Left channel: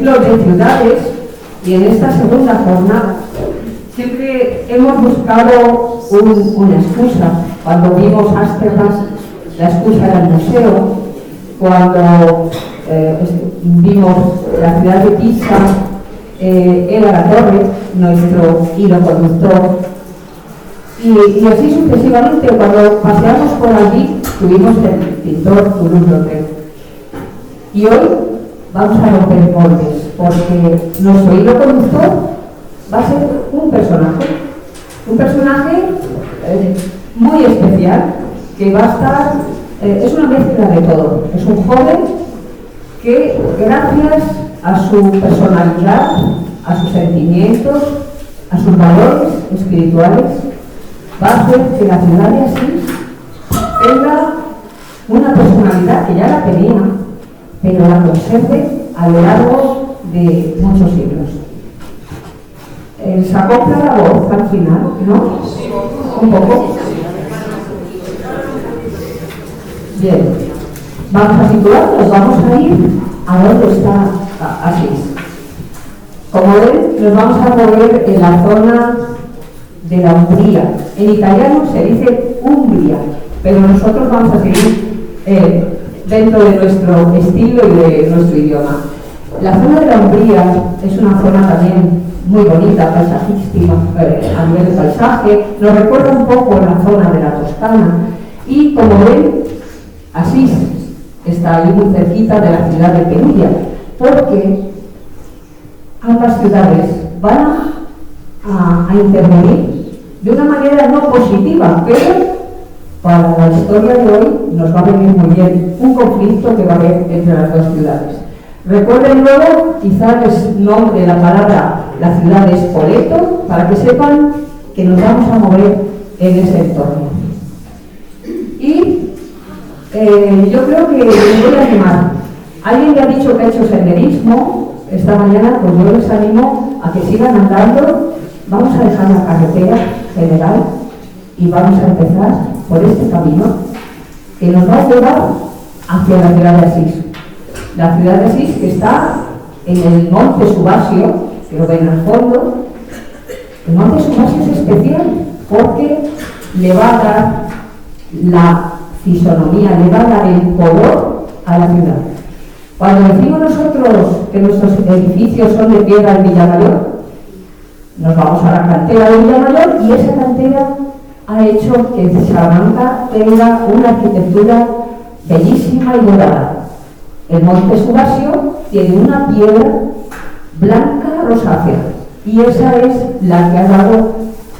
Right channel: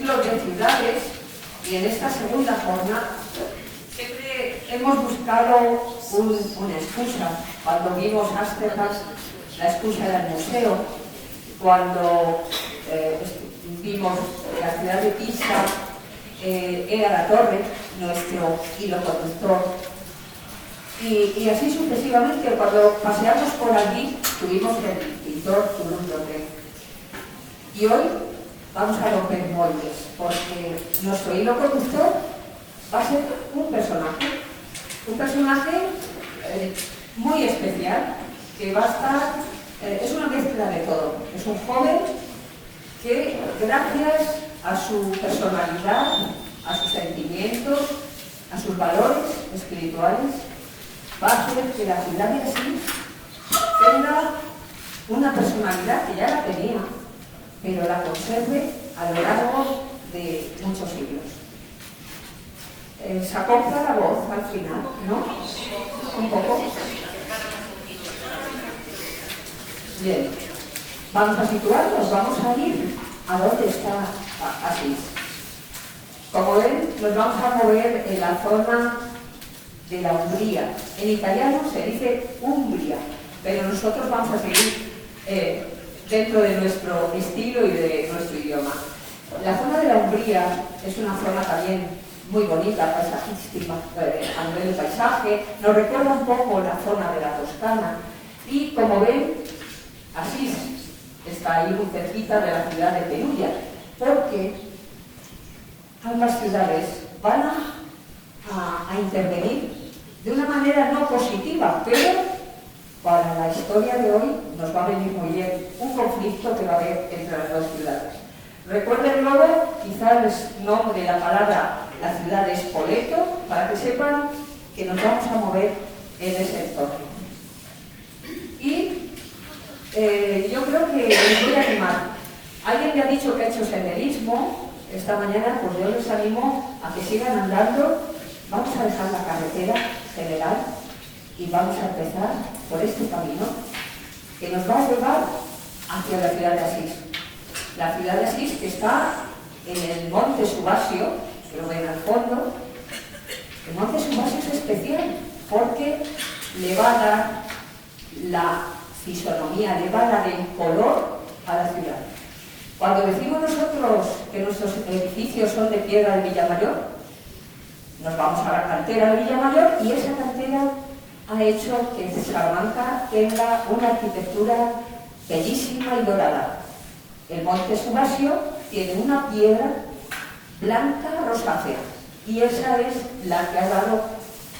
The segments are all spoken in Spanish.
ejemplos de ciudades, y en esta segunda jornada siempre hemos buscado una excusa. Cuando vimos Ámsterdam, la excusa era el museo. Cuando vimos la ciudad de Pisa, era la torre, nuestro hilo conductor. Y así sucesivamente. Cuando paseamos por allí, tuvimos el pintor Toulouse-Lautrec. Y hoy vamos a romper moldes, porque nuestro hilo conductor va a ser un personaje muy especial, que va a estar, es una mezcla de todo. Es un joven que, gracias a su personalidad, a sus sentimientos, a sus valores espirituales, va a hacer que la ciudad de Asís tenga una personalidad que ya la tenía, pero la conserve a lo largo de muchos siglos. ¿Se acopla la voz al final, no? ¿Un poco? Bien. Vamos a situarnos, vamos a ir a dónde está Asís. Como ven, nos vamos a mover en la zona de la Umbría. En italiano se dice Umbria, pero nosotros vamos a seguir dentro de nuestro estilo y de nuestro idioma. La zona de la Umbría es una zona también muy bonita, paisajística, a nivel de paisaje. Nos recuerda un poco la zona de la Toscana. Y como ven, Asís está ahí muy cerquita de la ciudad de Perugia, porque ambas ciudades van a intervenir de una manera no positiva, pero para la historia de hoy nos va a venir muy bien un conflicto que va a haber entre las dos ciudades. Recuerden luego, quizás les nombre la palabra, la ciudad de Spoleto, para que sepan que nos vamos a mover en ese entorno. Y yo creo que les voy a animar. Alguien me ha dicho que ha hecho senderismo esta mañana, pues yo les animo a que sigan andando. Vamos a dejar la carretera general y vamos a empezar por este camino que nos va a llevar hacia la ciudad de Asís. La ciudad de Asís, que está en el monte Subasio, que lo ven al fondo. El monte Subasio es especial porque le va a dar la fisonomía, le va a dar el color a la ciudad. Cuando decimos nosotros que nuestros edificios son de piedra en Villamayor, nos vamos a la cantera de Villamayor, y esa cantera ha hecho que Salamanca tenga una arquitectura bellísima y dorada. El monte Subasio tiene una piedra blanca rosácea, y esa es la que ha dado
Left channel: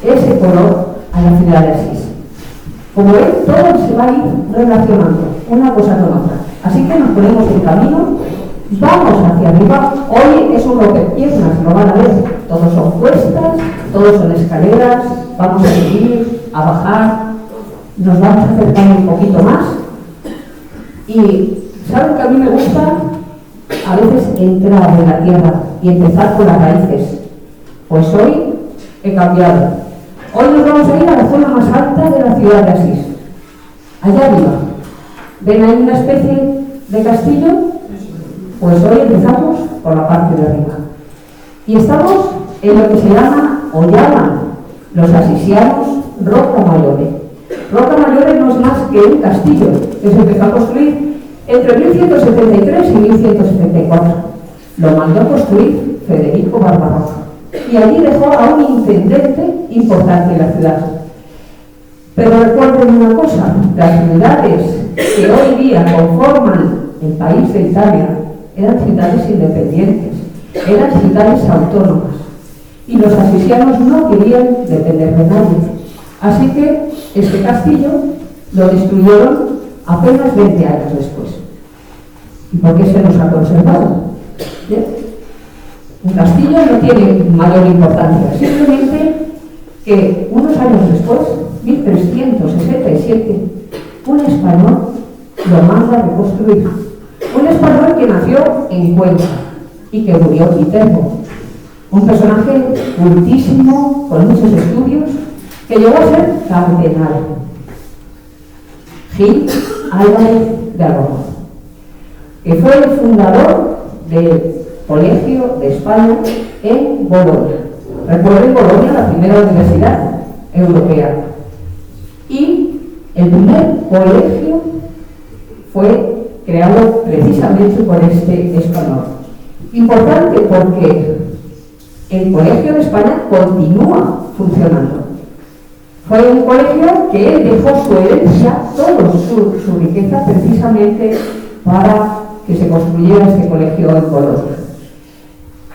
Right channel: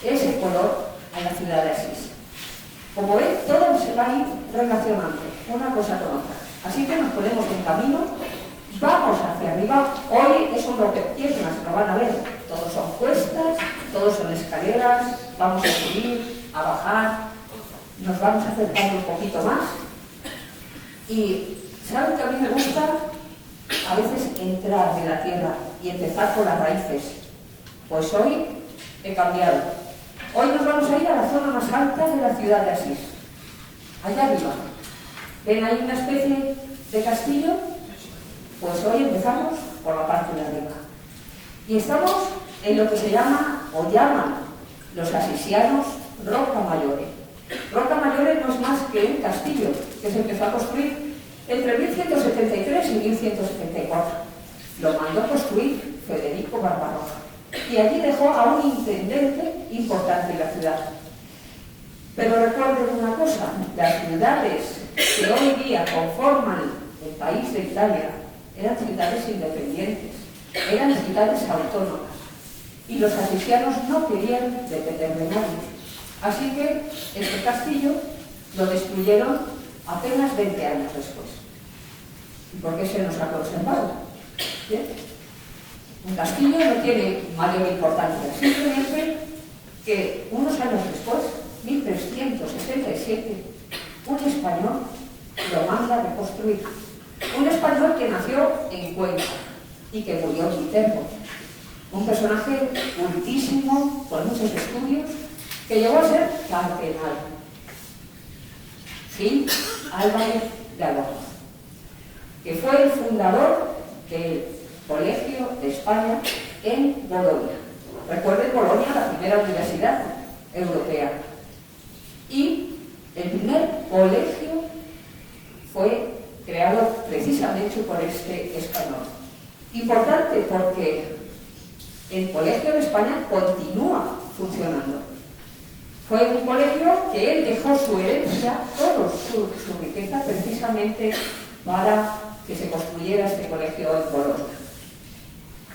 ese color a la ciudad de Asís. Como ven, todo se va a ir relacionando, una cosa con otra. Así que nos ponemos en camino, vamos hacia arriba. Hoy es un rompepiernas, lo van a ver. Todos son cuestas, todos son escaleras, vamos a subir, a bajar, nos vamos a acercar un poquito más. Y ¿saben que a mí me gusta a veces entrar en la tierra y empezar por las raíces? Pues hoy he cambiado. Hoy nos vamos a ir a la zona más alta de la ciudad de Asís, allá arriba. ¿Ven ahí una especie de castillo? Pues hoy empezamos por la parte de arriba. Y estamos en lo que se llama, o llaman los asisianos, Rocca Maggiore. Rocca Maggiore no es más que un castillo que se empezó a construir entre 1173 y 1174. Lo mandó construir Federico Barbarroja. Y allí dejó a un intendente importante en la ciudad. Pero recuerden una cosa, las ciudades que hoy día conforman el país de Italia eran ciudades independientes, eran ciudades autónomas, y los asisianos no querían depender de nadie. Así que este castillo lo destruyeron apenas 20 años después. ¿Y por qué se nos ha conservado? ¿Bien? Un castillo no tiene mayor importancia, simplemente que unos años después, 1367, un español lo manda a reconstruir. Un español que nació en Cuenca y que murió en Viterbo. Un personaje cultísimo, con muchos estudios, que llegó a ser cardenal. Gil Álvarez de Arroz, que fue el fundador de colegio de España en Bolonia. Recuerden, Bolonia, la primera universidad europea. Y el primer colegio fue creado precisamente por este español. Importante porque el colegio de España continúa funcionando. Fue un colegio que él dejó su herencia, toda su riqueza, precisamente para que se construyera este colegio en Bolonia.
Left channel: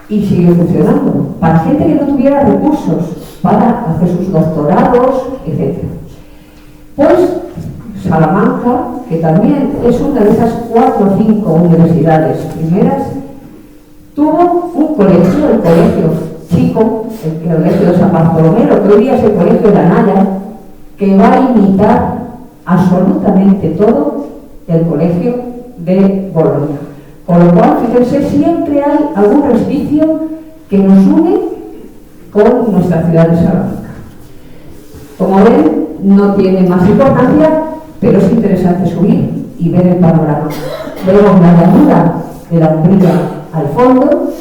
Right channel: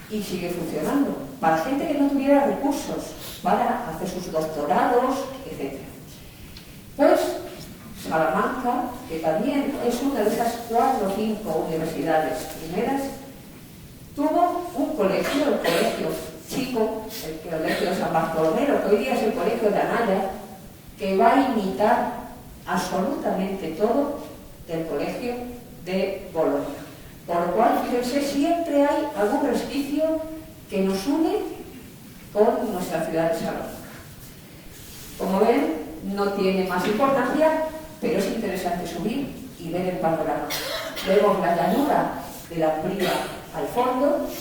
Y sigue funcionando, para gente que no tuviera recursos para hacer sus doctorados, etc. Pues Salamanca, que también es una de esas 4 o 5 universidades primeras, tuvo un colegio, el colegio chico, el colegio de San Bartolomé, que hoy día es el colegio de Anaya, que va a imitar absolutamente todo el colegio de Bolonia. Con lo cual, fíjense, siempre hay algún resquicio que nos une con nuestra ciudad de Salamanca. Como ven, no tiene más importancia, pero es interesante subir y ver el panorama. Vemos la llanura de la Umbría al fondo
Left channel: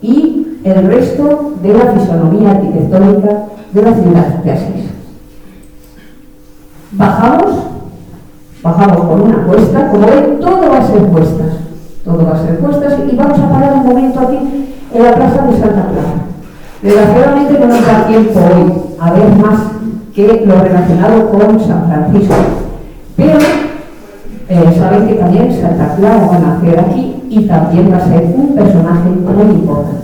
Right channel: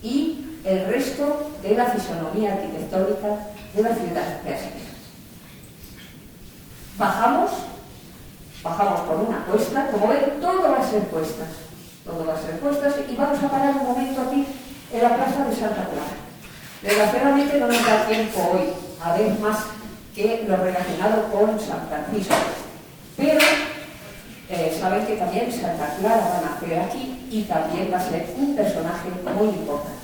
y el resto de la fisonomía arquitectónica de la ciudad de Asís. Bajamos por una cuesta. Como ven, todo va a ser cuestas. Todo va a ser cuestas y vamos a parar un momento aquí en la plaza de Santa Clara. Desgraciadamente no nos da tiempo hoy a ver más que lo relacionado con San Francisco. Pero saben que también Santa Clara va a nacer aquí y también va a ser un personaje muy importante.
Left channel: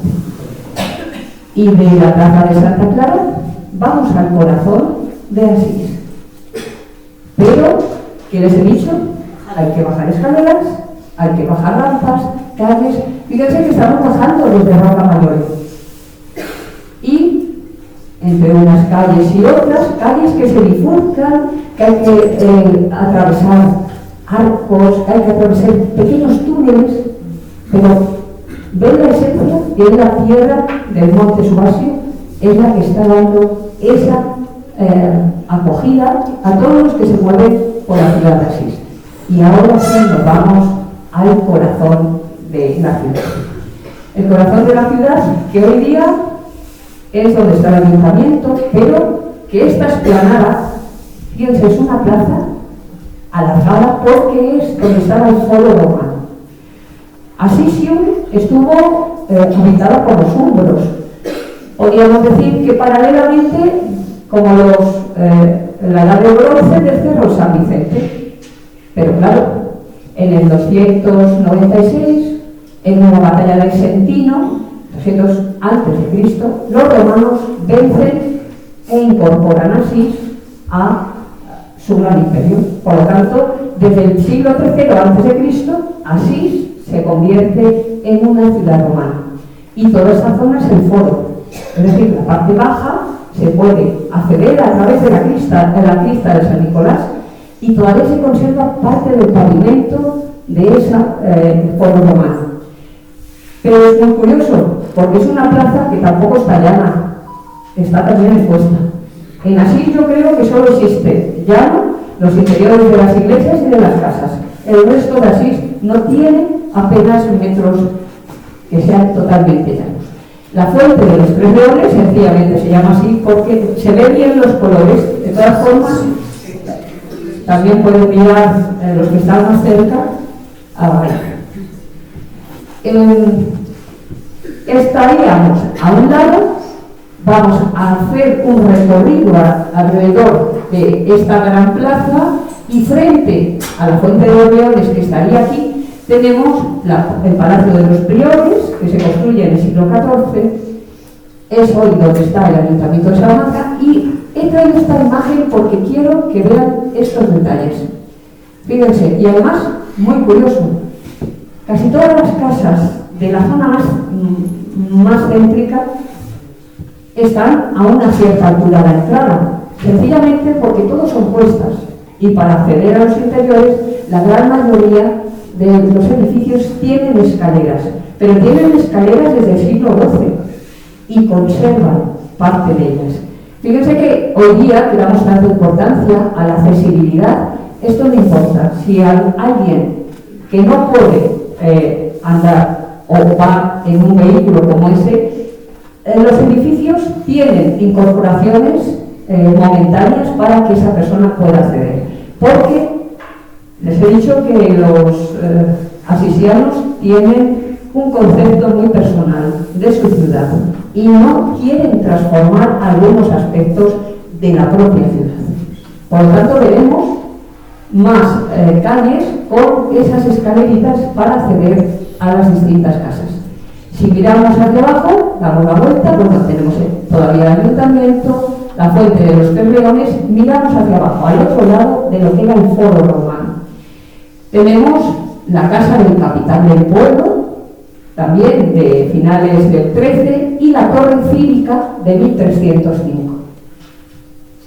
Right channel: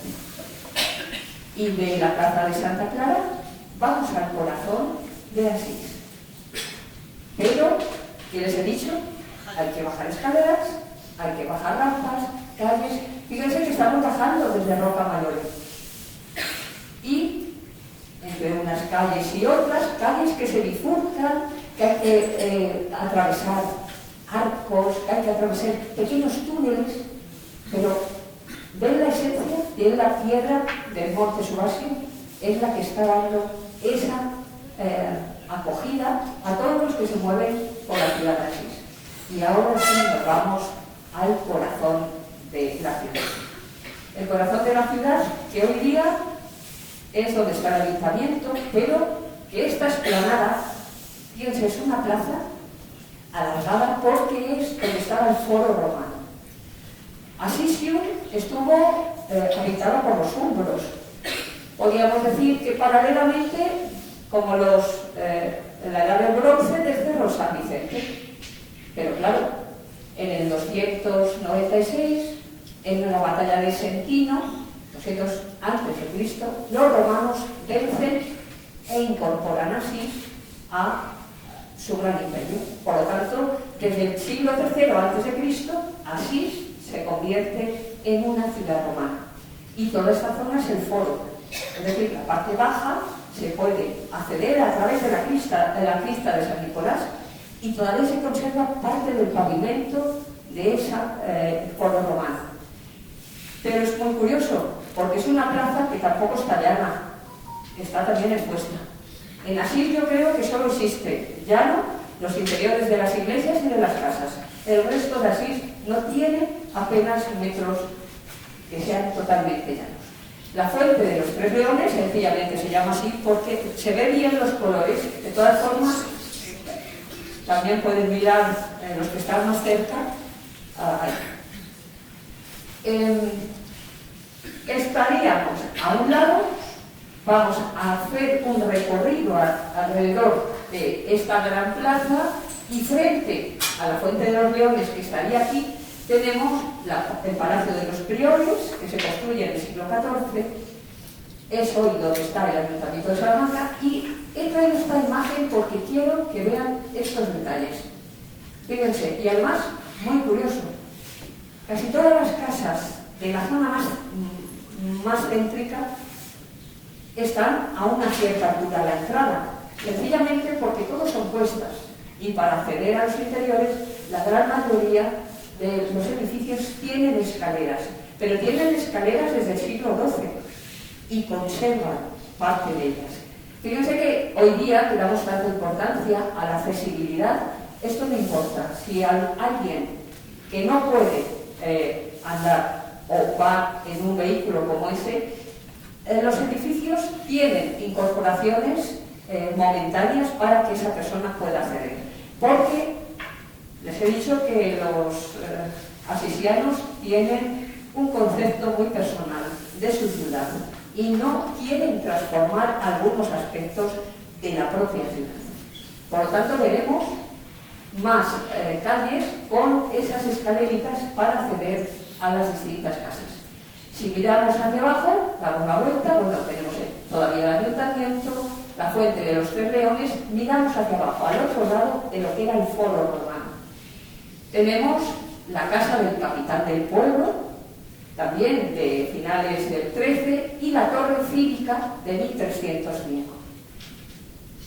Y de la plaza de Santa Clara vamos al corazón de Asís. Pero, ¿qué les he dicho? Hay que bajar escaleras, hay que bajar rampas, calles. Fíjense que estamos bajando desde Roca Mayor. Y entre unas calles y otras, calles que se bifurcan, que hay que atravesar arcos, que hay que atravesar pequeños túneles, pero ven la esencia y es la piedra del Monte Subasio, es la que está dando esa acogida a todos los que se mueven por la ciudad de Asís. Y ahora sí nos vamos al corazón de la ciudad. El corazón de la ciudad, que hoy día es donde está el ayuntamiento, pero que esta esplanada, fíjense, es una plaza alargada porque es donde estaba el foro romano. Asisium estuvo habitada por los húngaros. Podríamos decir que paralelamente, como la edad del bronce del Cerro San Vicente. Pero claro, en el 296, en una batalla de Sentino, 200 a.C., los romanos vencen e incorporan Asís a su gran imperio. Por lo tanto, desde el siglo III a.C., Asís se convierte en una ciudad romana. Y toda esta zona es el foro. Es decir, la parte baja se puede acceder a través de la crista de San Nicolás y todavía se conserva parte del pavimento de esa foro romano. Pero es muy curioso, porque es una plaza que tampoco está llana, está también expuesta. En Asís yo creo que solo existe llano, los interiores de las iglesias y de las casas. El resto de Asís no tiene apenas metros que sean totalmente llanos. La fuente de los Tres Leones sencillamente se llama así porque se ven bien los colores. De todas formas, también pueden mirar los que están más cerca. Estaríamos a un lado, vamos a hacer un recorrido alrededor de esta gran plaza y frente a la fuente de los Leones que estaría aquí, tenemos el Palacio de los Priores, que se construye en el siglo XIV, es hoy donde está el Ayuntamiento de Salamanca, y he traído esta imagen porque quiero que vean estos detalles. Fíjense, y además, muy curioso, casi todas las casas de la zona más céntrica están a una cierta altura de la entrada, sencillamente porque todos son puestas, y para acceder a los interiores, la gran mayoría de los edificios tienen escaleras, pero tienen escaleras desde el siglo XII y conservan parte de ellas. Fíjense que hoy día que damos tanta importancia a la accesibilidad, esto no importa. Si hay alguien que no puede andar o va en un vehículo como ese, los edificios tienen incorporaciones momentáneas para que esa persona pueda acceder. Porque les he dicho que los asisianos tienen un concepto muy personal de su ciudad y no quieren transformar algunos aspectos de la propia ciudad. Por lo tanto, veremos más calles con esas escaleritas para acceder a las distintas casas. Si miramos hacia abajo, damos la vuelta, bueno, tenemos todavía el ayuntamiento, la fuente de los Tres Leones, miramos hacia abajo, al otro lado de lo que era el foro romano. Tenemos la casa del capitán del pueblo, también de finales del 13, y la torre cívica de 1305.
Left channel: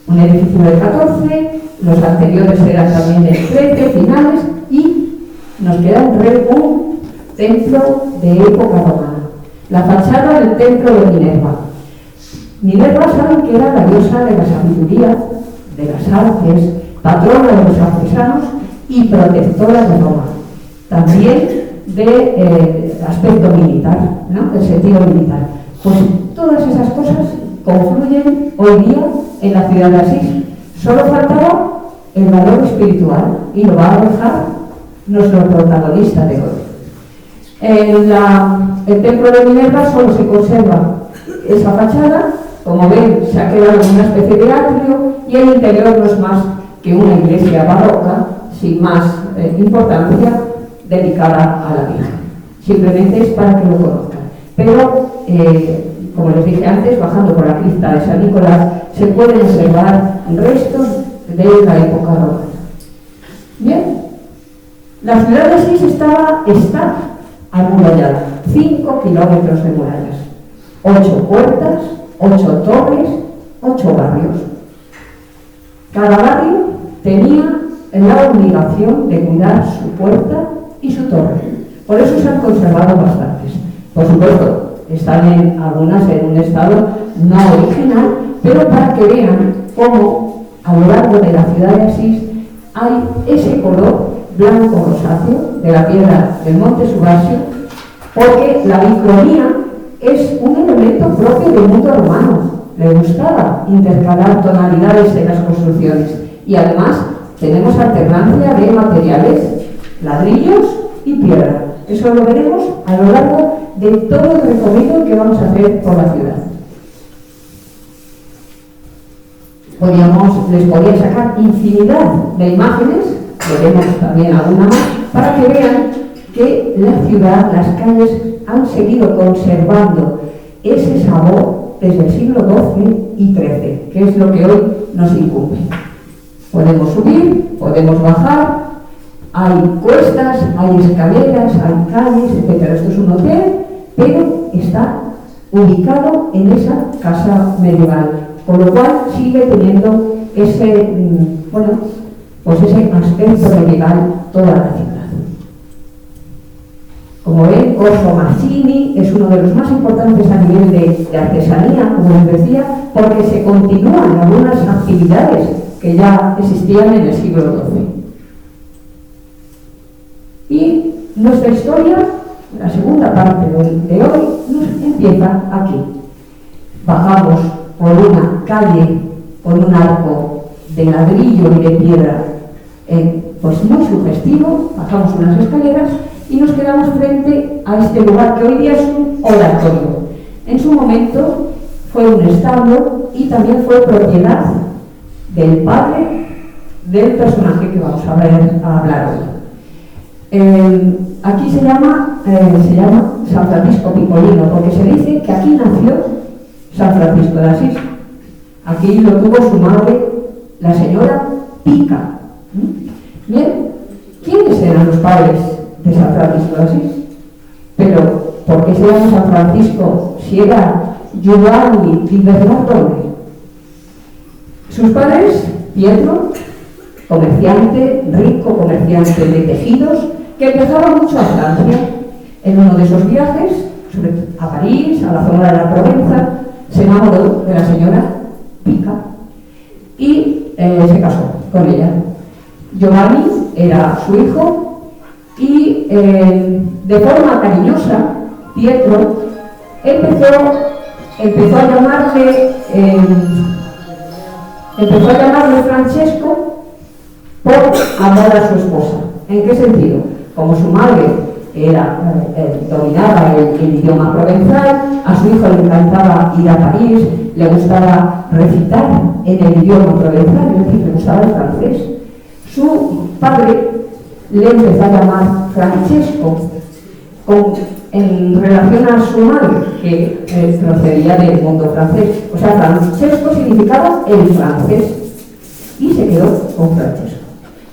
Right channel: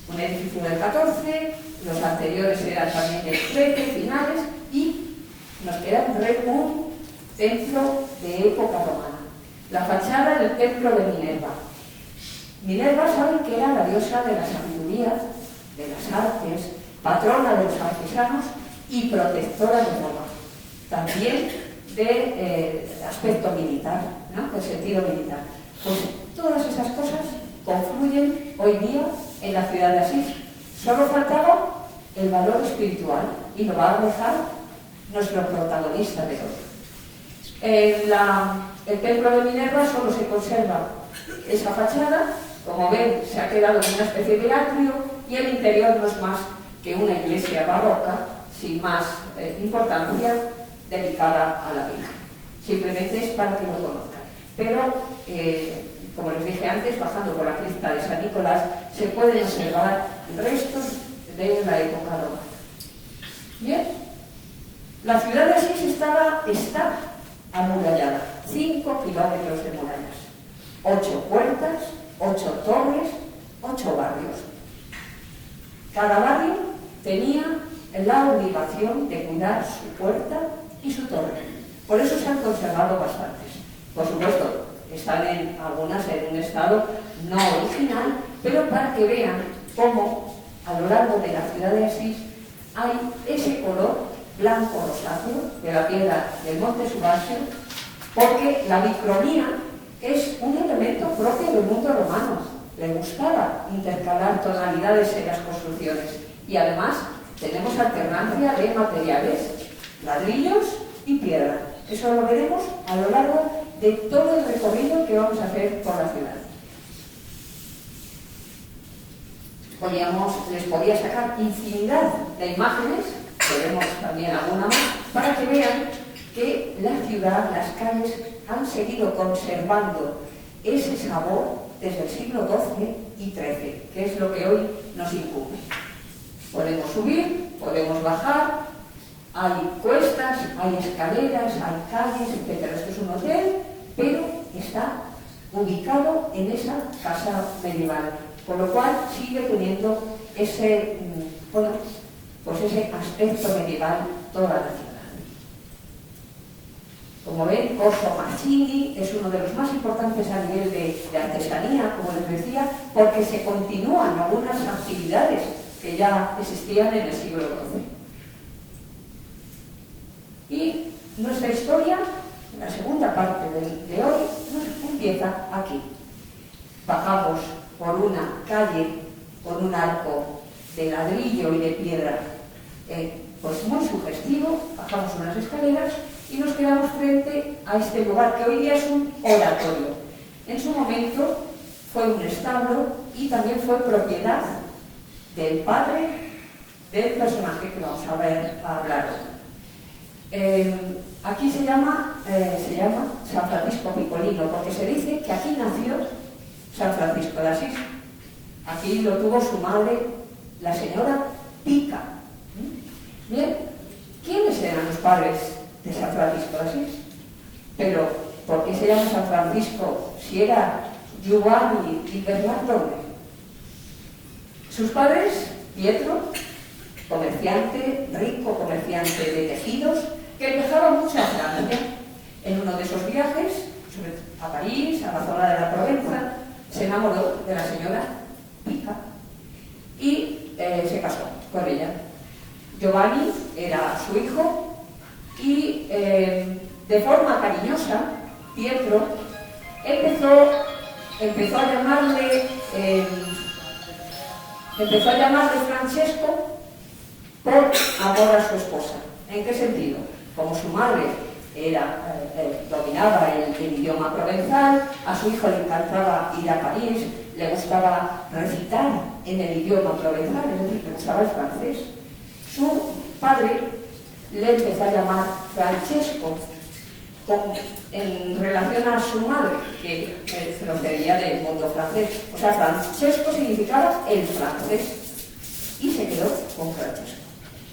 Un edificio del 14, los anteriores eran también del 13, finales, y nos queda un templo de época romana. La fachada del templo de Minerva. Minerva saben que era la diosa de la sabiduría, de las artes, patrona de los artesanos y protectora de Roma. También de aspecto militar, ¿no? El sentido militar. Pues todas esas cosas confluyen hoy día en la ciudad de Asís. Solo faltaba el valor espiritual y lo va a dejar nuestro protagonista de hoy. El templo de Minerva solo se conserva esa fachada, como ven se ha quedado en una especie de atrio y el interior no es más que una iglesia barroca sin más importancia dedicada a la Virgen. Simplemente es para que lo conozcan. Pero, como les dije antes, bajando por la cripta de San Nicolás se pueden observar restos de la época romana. Bien, la ciudad de Asís está amurallada, 5 kilómetros de murallas, 8 puertas, 8 torres, 8 barrios. Cada barrio tenía la obligación de cuidar su puerta y su torre. Por eso se han conservado bastantes. Por supuesto, están algunas en un estado no original, pero para que vean cómo a lo largo de la ciudad de Asís hay ese color blanco rosáceo de la piedra del Monte Subasio, porque la bicronía es un elemento propio del mundo romano. Le gustaba intercalar tonalidades en las construcciones y además tenemos alternancia de materiales, ladrillos y piedra. Eso lo veremos a lo largo de todo el recorrido que vamos a hacer por la ciudad. Les podía sacar infinidad de imágenes, veremos también alguna más, para que vean que la ciudad, las calles han seguido conservando ese sabor desde el siglo XII y XIII, que es lo que hoy nos incumbe. Podemos subir, podemos bajar, hay cuestas, hay escaleras, hay calles, etc. Esto es un hotel, pero está ubicado en esa casa medieval, con lo cual sigue teniendo ese aspecto medieval toda la ciudad. Como ven, Corso Marcini es uno de los más importantes a nivel de artesanía, como les decía, porque se continúan algunas actividades que ya existían en el siglo XII. Y nuestra historia, la segunda parte de hoy, nos empieza aquí. Bajamos por una calle con un arco de ladrillo y de piedra, pues muy sugestivo, bajamos unas escaleras y nos quedamos frente a este lugar que hoy día es un oratorio. En su momento fue un establo y también fue propiedad del padre del personaje que vamos a hablar hoy. Aquí se llama San Francisco Picolino, porque se dice que aquí nació San Francisco de Asís. Aquí lo tuvo su madre, la señora Pica. Bien, ¿quiénes eran los padres de San Francisco de Asís? Pero, ¿por qué se llama San Francisco si era Giovanni di Bernardone? Sus padres, Pietro, comerciante, rico comerciante de tejidos, que viajaba mucho a Francia. En uno de esos viajes, a París, a la zona de la Provenza, se enamoró de la señora Pica y se casó con ella. Giovanni era su hijo y de forma cariñosa Pietro, empezó a llamarle Francesco por amor a su esposa. ¿En qué sentido? Como su madre dominaba el idioma provenzal, a su hijo le encantaba ir a París, le gustaba recitar en el idioma provenzal, es decir, le gustaba el francés. Su padre le empezó a llamar Francesco en relación a su madre, que procedía del mundo francés. O sea, Francesco significaba el francés y se quedó con Francesco.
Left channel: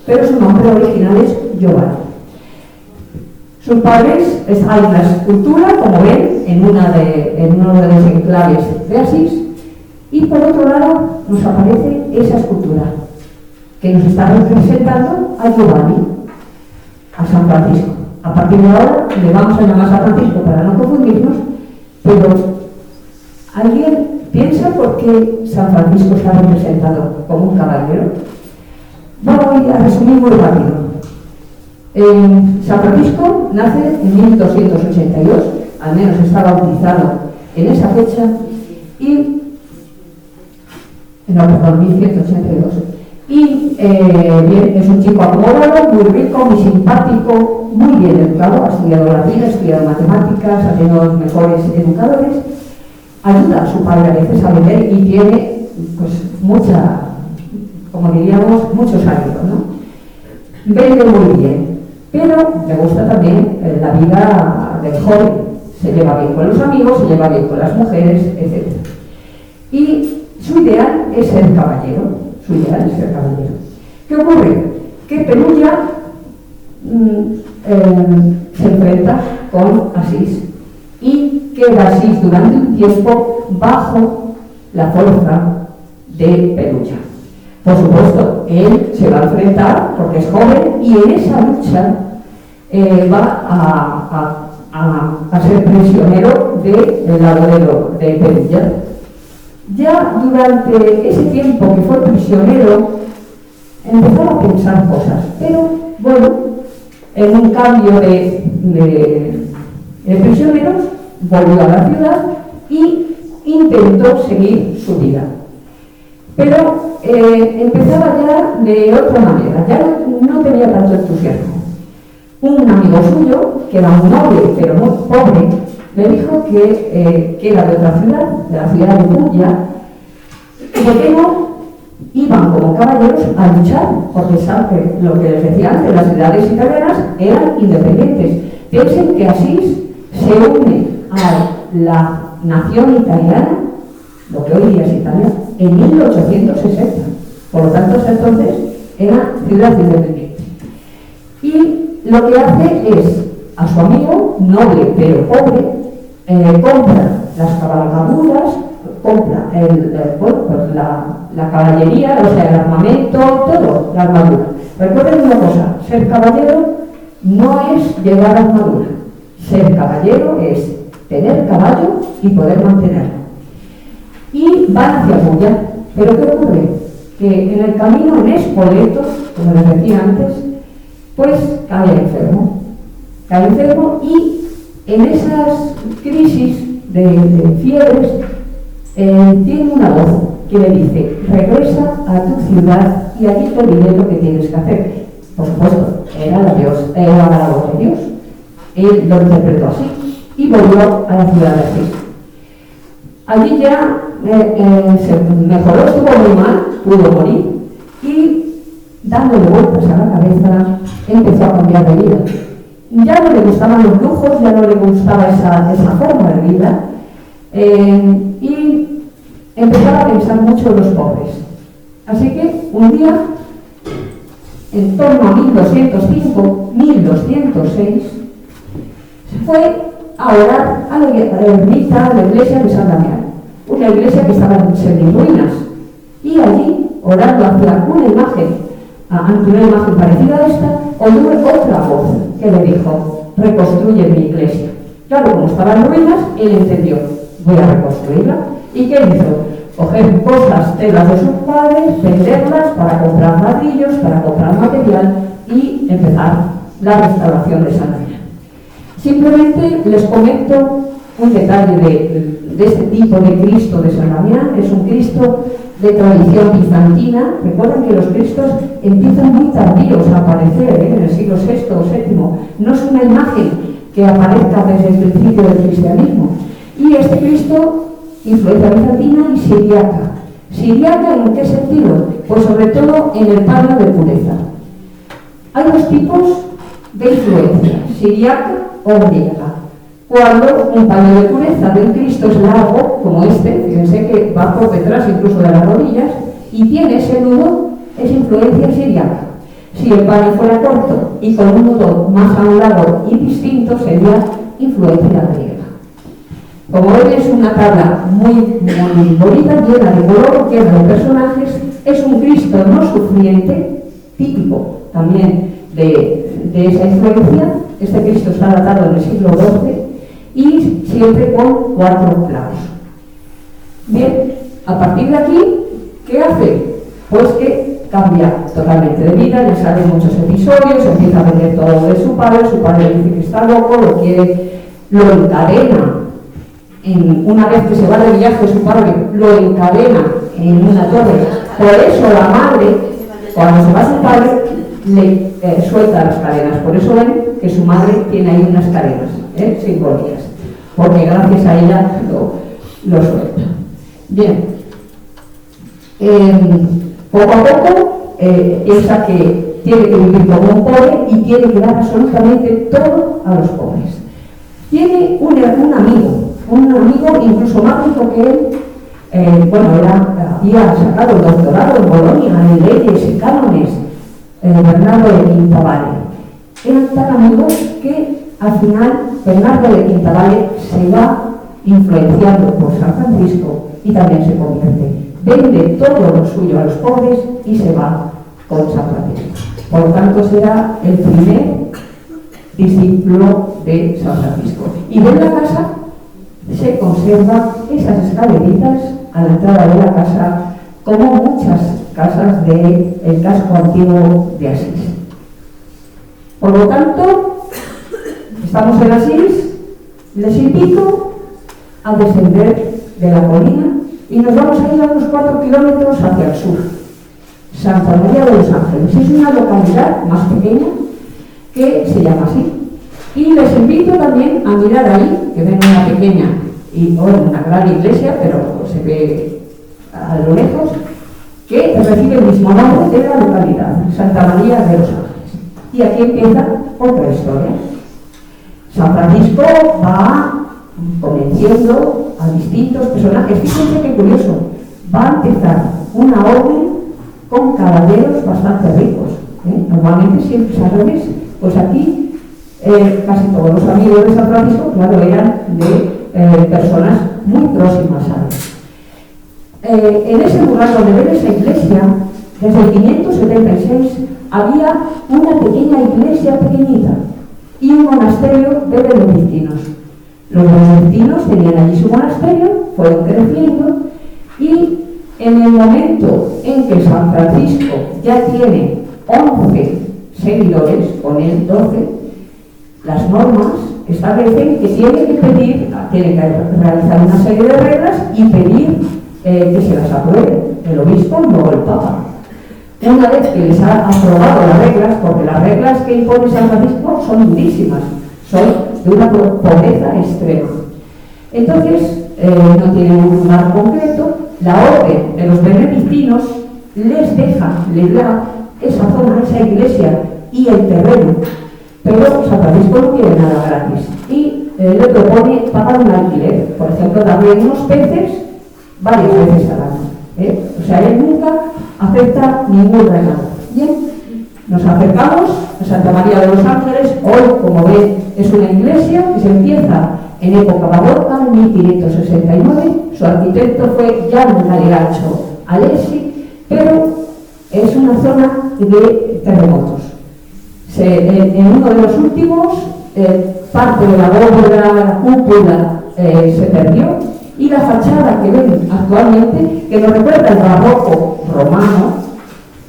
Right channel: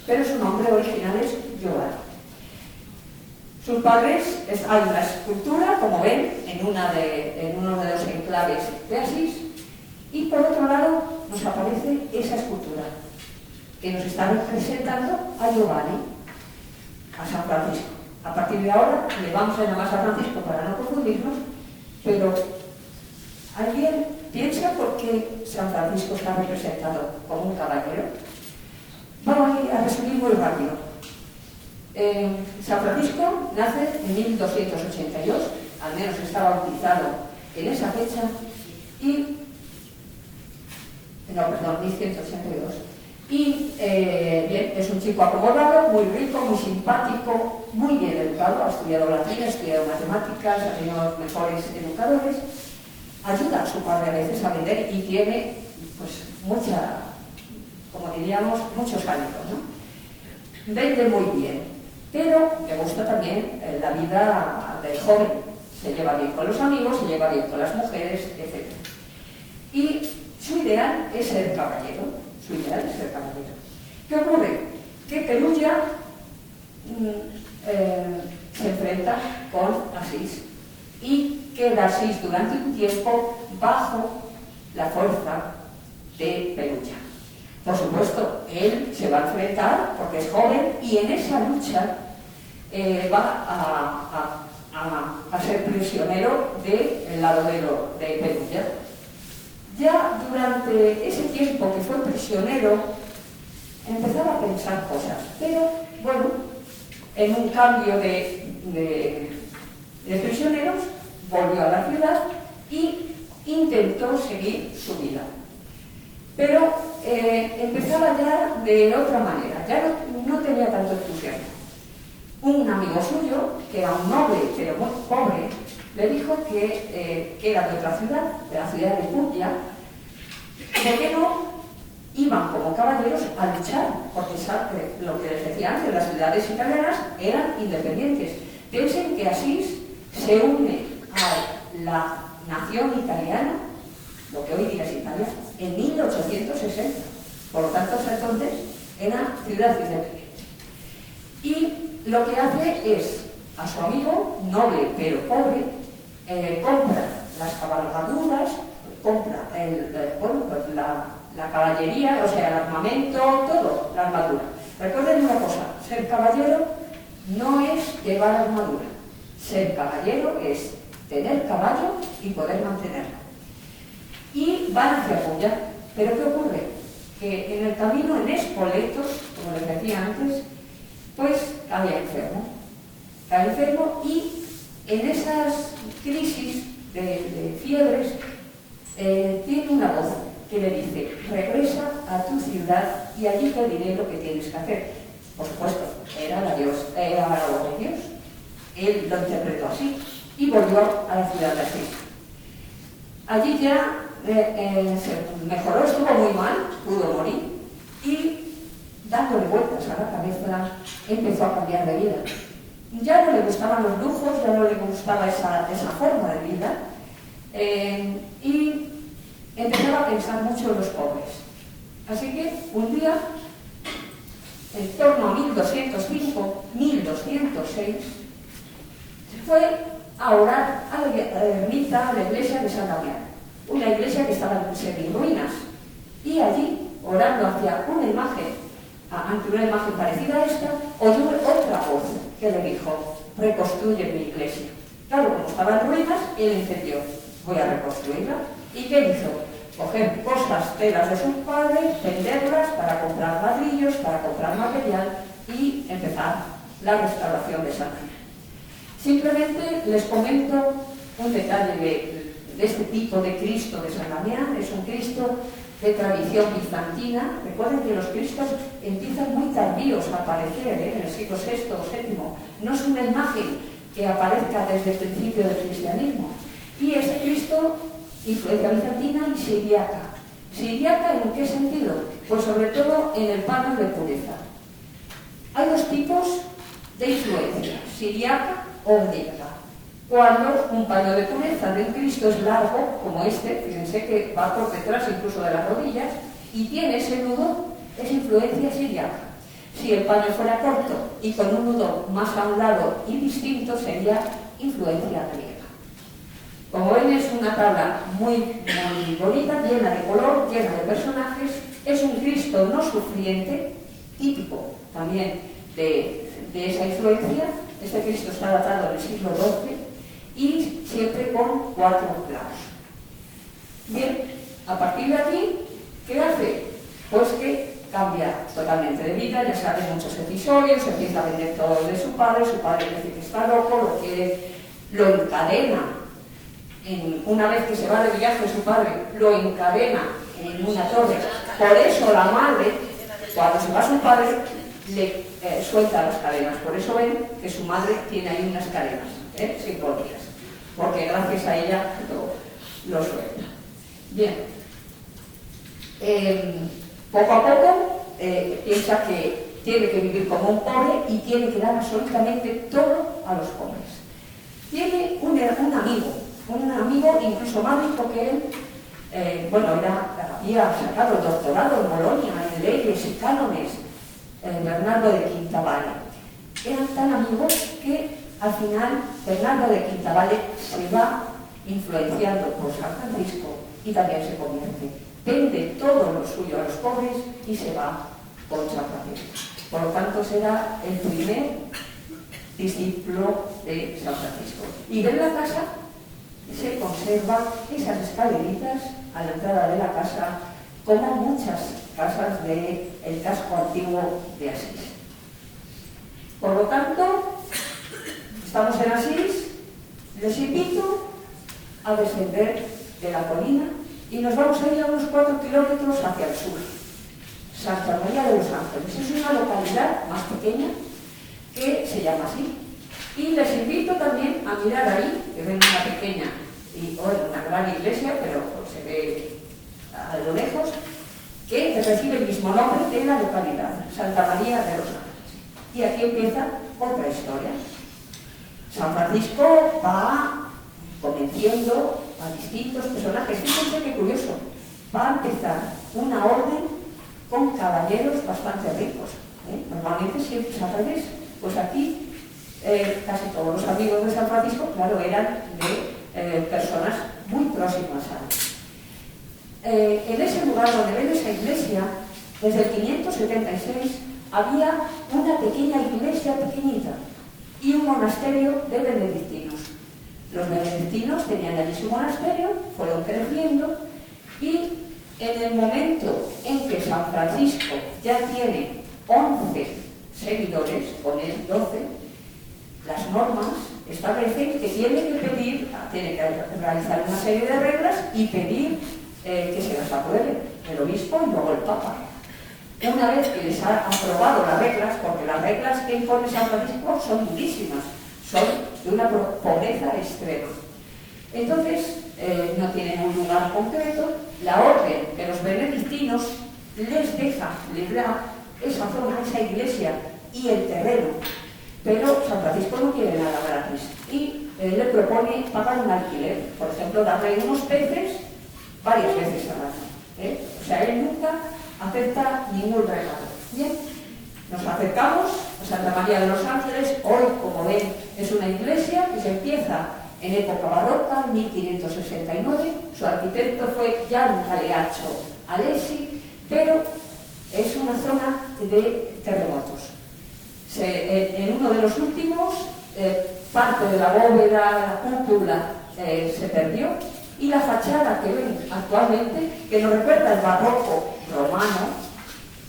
Pero su nombre original es Giovanni. Sus padres, hay una escultura, como ven, en uno de los enclaves de Asís, y por otro lado nos aparece esa escultura que nos está representando a Giovanni, a San Francisco. A partir de ahora le vamos a llamar San Francisco para no confundirnos, pero ¿alguien piensa por qué San Francisco está representado como un caballero? Voy a resumir muy rápido. San Francisco nace en 1282, al menos está bautizado en esa fecha, perdón, 1182. Y bien, es un chico acomodado, muy rico, muy simpático, muy bien educado, ha estudiado latín, ha estudiado matemáticas, ha tenido los mejores educadores, ayuda a su padre a veces a vender y tiene, pues, muchos años, ¿no? Vende muy bien, pero le gusta también la vida del joven, se lleva bien con los amigos, se lleva bien con las mujeres, etc. Y su ideal es ser caballero. ¿Qué ocurre? Que Perugia se enfrenta con Asís y queda Asís durante un tiempo bajo la fuerza de Perugia. Por supuesto, él se va a enfrentar porque es joven y en esa lucha va a ser prisionero del lado de Perugia. Ya durante ese tiempo que fue prisionero, empezaba a pensar cosas, pero bueno, en un cambio de prisioneros, volvió a la ciudad y intentó seguir su vida. Pero empezaba ya de otra manera, ya no tenía tanto entusiasmo. Un amigo suyo, que era un noble pero muy pobre, le dijo que era de otra ciudad, de la ciudad de Puglia, y por qué no iban como caballeros a luchar, porque sabe lo que les decía antes, las ciudades italianas eran independientes. Piensen que Asís se une a la nación italiana, lo que hoy día es Italia, en 1860. Por lo tanto, hasta entonces era ciudad independiente. Y lo que hace es, a su amigo, noble pero pobre, compra las cabalgaduras, compra la caballería, o sea, el armamento, todo, la armadura. Recuerden una cosa, ser caballero no es llevar armadura. Ser caballero es tener caballo y poder mantenerlo. Y van hacia Puglia. ¿Pero qué ocurre? Que en el camino, en Spoleto, como les decía antes, pues cae enfermo y en esas crisis de fiebres tiene una voz que le dice: regresa a tu ciudad y allí te diré lo que tienes que hacer. Por supuesto, era la voz de Dios. Él lo interpretó así y volvió a la ciudad de Asís. Allí ya se mejoró, estuvo muy mal, pudo morir y, dándole vueltas a la cabeza, empezó a cambiar de vida. Ya no le gustaban los lujos, ya no le gustaba esa forma de vida, y empezaba a pensar mucho en los pobres. Así que un día, en torno a 1205-1206, se fue a orar a la ermita, a la iglesia de San Damián, una iglesia que estaba en semi-ruinas, y allí, orando hacia una imagen, ante una imagen parecida a esta, oyó otra voz que le dijo: reconstruye mi iglesia. Claro, como estaba en ruinas, él entendió: voy a reconstruirla. ¿Y qué hizo? Coger cosas, telas de sus padres, venderlas para comprar ladrillos, para comprar material y empezar la restauración de San Damián. Simplemente les comento un detalle de este tipo de Cristo de San Damián. Es un Cristo de tradición bizantina. Recuerden que los Cristos empiezan muy tardíos a aparecer, en el siglo VI o VII. No es una imagen que aparezca desde el principio del cristianismo. Y este Cristo, influencia bizantina y siriaca. ¿Siriaca en qué sentido? Pues sobre todo en el paño de pureza. Hay dos tipos de influencia, siriaca o griega. Cuando un paño de pureza de un Cristo es largo, como este, fíjense que va por detrás incluso de las rodillas, y tiene ese nudo, es influencia siriaca. Si el paño fuera corto y con un nudo más a un lado y distinto, sería influencia griega. Como ven, es una tabla muy bonita, llena de color, llena de personajes. Es un Cristo no sufriente, típico también de esa influencia. Este Cristo está datado en el siglo XII y siempre con 4 clavos. Bien, a partir de aquí, ¿qué hace? Pues que cambia totalmente de vida, le salen muchos episodios, empieza a vender todo de su padre dice que está loco, lo encadena. Una vez que se va de viaje su padre, lo encadena en una torre. Por eso la madre, cuando se va su padre, le suelta las cadenas. Por eso ven que su madre tiene ahí unas cadenas simbólicas, porque gracias a ella lo suelta. Bien, poco a poco piensa que tiene que vivir como un pobre y tiene que dar absolutamente todo a los pobres. Tiene un amigo incluso más rico que él. Había sacado el doctorado en Bolonia en leyes y cánones, Bernardo de Quintavalle. Eran tan amigos que al final Bernardo de Quintavalle se va influenciando por San Francisco y también se convierte. Vende todo lo suyo a los pobres y se va con San Francisco. Por lo tanto, será el primer discípulo de San Francisco. Y en la casa se conservan esas escaleritas a la entrada de la casa, como muchas casas del casco antiguo de Asís. Por lo tanto, estamos en Asís, les invito a descender de la colina y nos vamos a ir a unos 4 kilómetros hacia el sur. Santa María de los Ángeles es una localidad más pequeña que se llama así. Y les invito también a mirar ahí, que ven una pequeña y una gran iglesia, pero se ve a lo lejos, que recibe el mismo nombre de la localidad, Santa María de los Ángeles. Y aquí empieza otra historia. San Francisco va convenciendo a distintos personajes. Fíjense qué curioso, va a empezar una orden con caballeros bastante ricos. Normalmente siempre es al revés. Pues aquí casi todos los amigos de San Francisco, claro, eran de personas muy próximas a él. En ese lugar donde ven esa iglesia, desde el 576 había una pequeña iglesia pequeñita y un monasterio de benedictinos. Los benedictinos tenían allí su monasterio, fueron creciendo y en el momento en que San Francisco ya tiene 11 seguidores, con él 12, las normas establecen que tiene que realizar una serie de reglas y pedir que se las apruebe el obispo y luego el papa. Una vez que les ha aprobado las reglas, porque las reglas que impone San Francisco son durísimas, son de una pobreza extrema. Entonces, no tienen un lugar concreto, la orden de los benedictinos les deja librar esa zona, esa iglesia y el terreno. Pero San Francisco no quiere nada gratis y le propone pagar un alquiler, por ejemplo, darle unos peces varias veces al año. O sea, él nunca acepta ningún regalo. Bien, nos acercamos a Santa María de los Ángeles. Hoy, como ven, es una iglesia que se empieza en época barroca, en 1569. Su arquitecto fue Jan Galeazzo Alessi, pero es una zona de terremotos. En uno de los últimos, parte de la bóveda, la cúpula, se perdió, y la fachada que ven actualmente, que nos recuerda el barroco romano,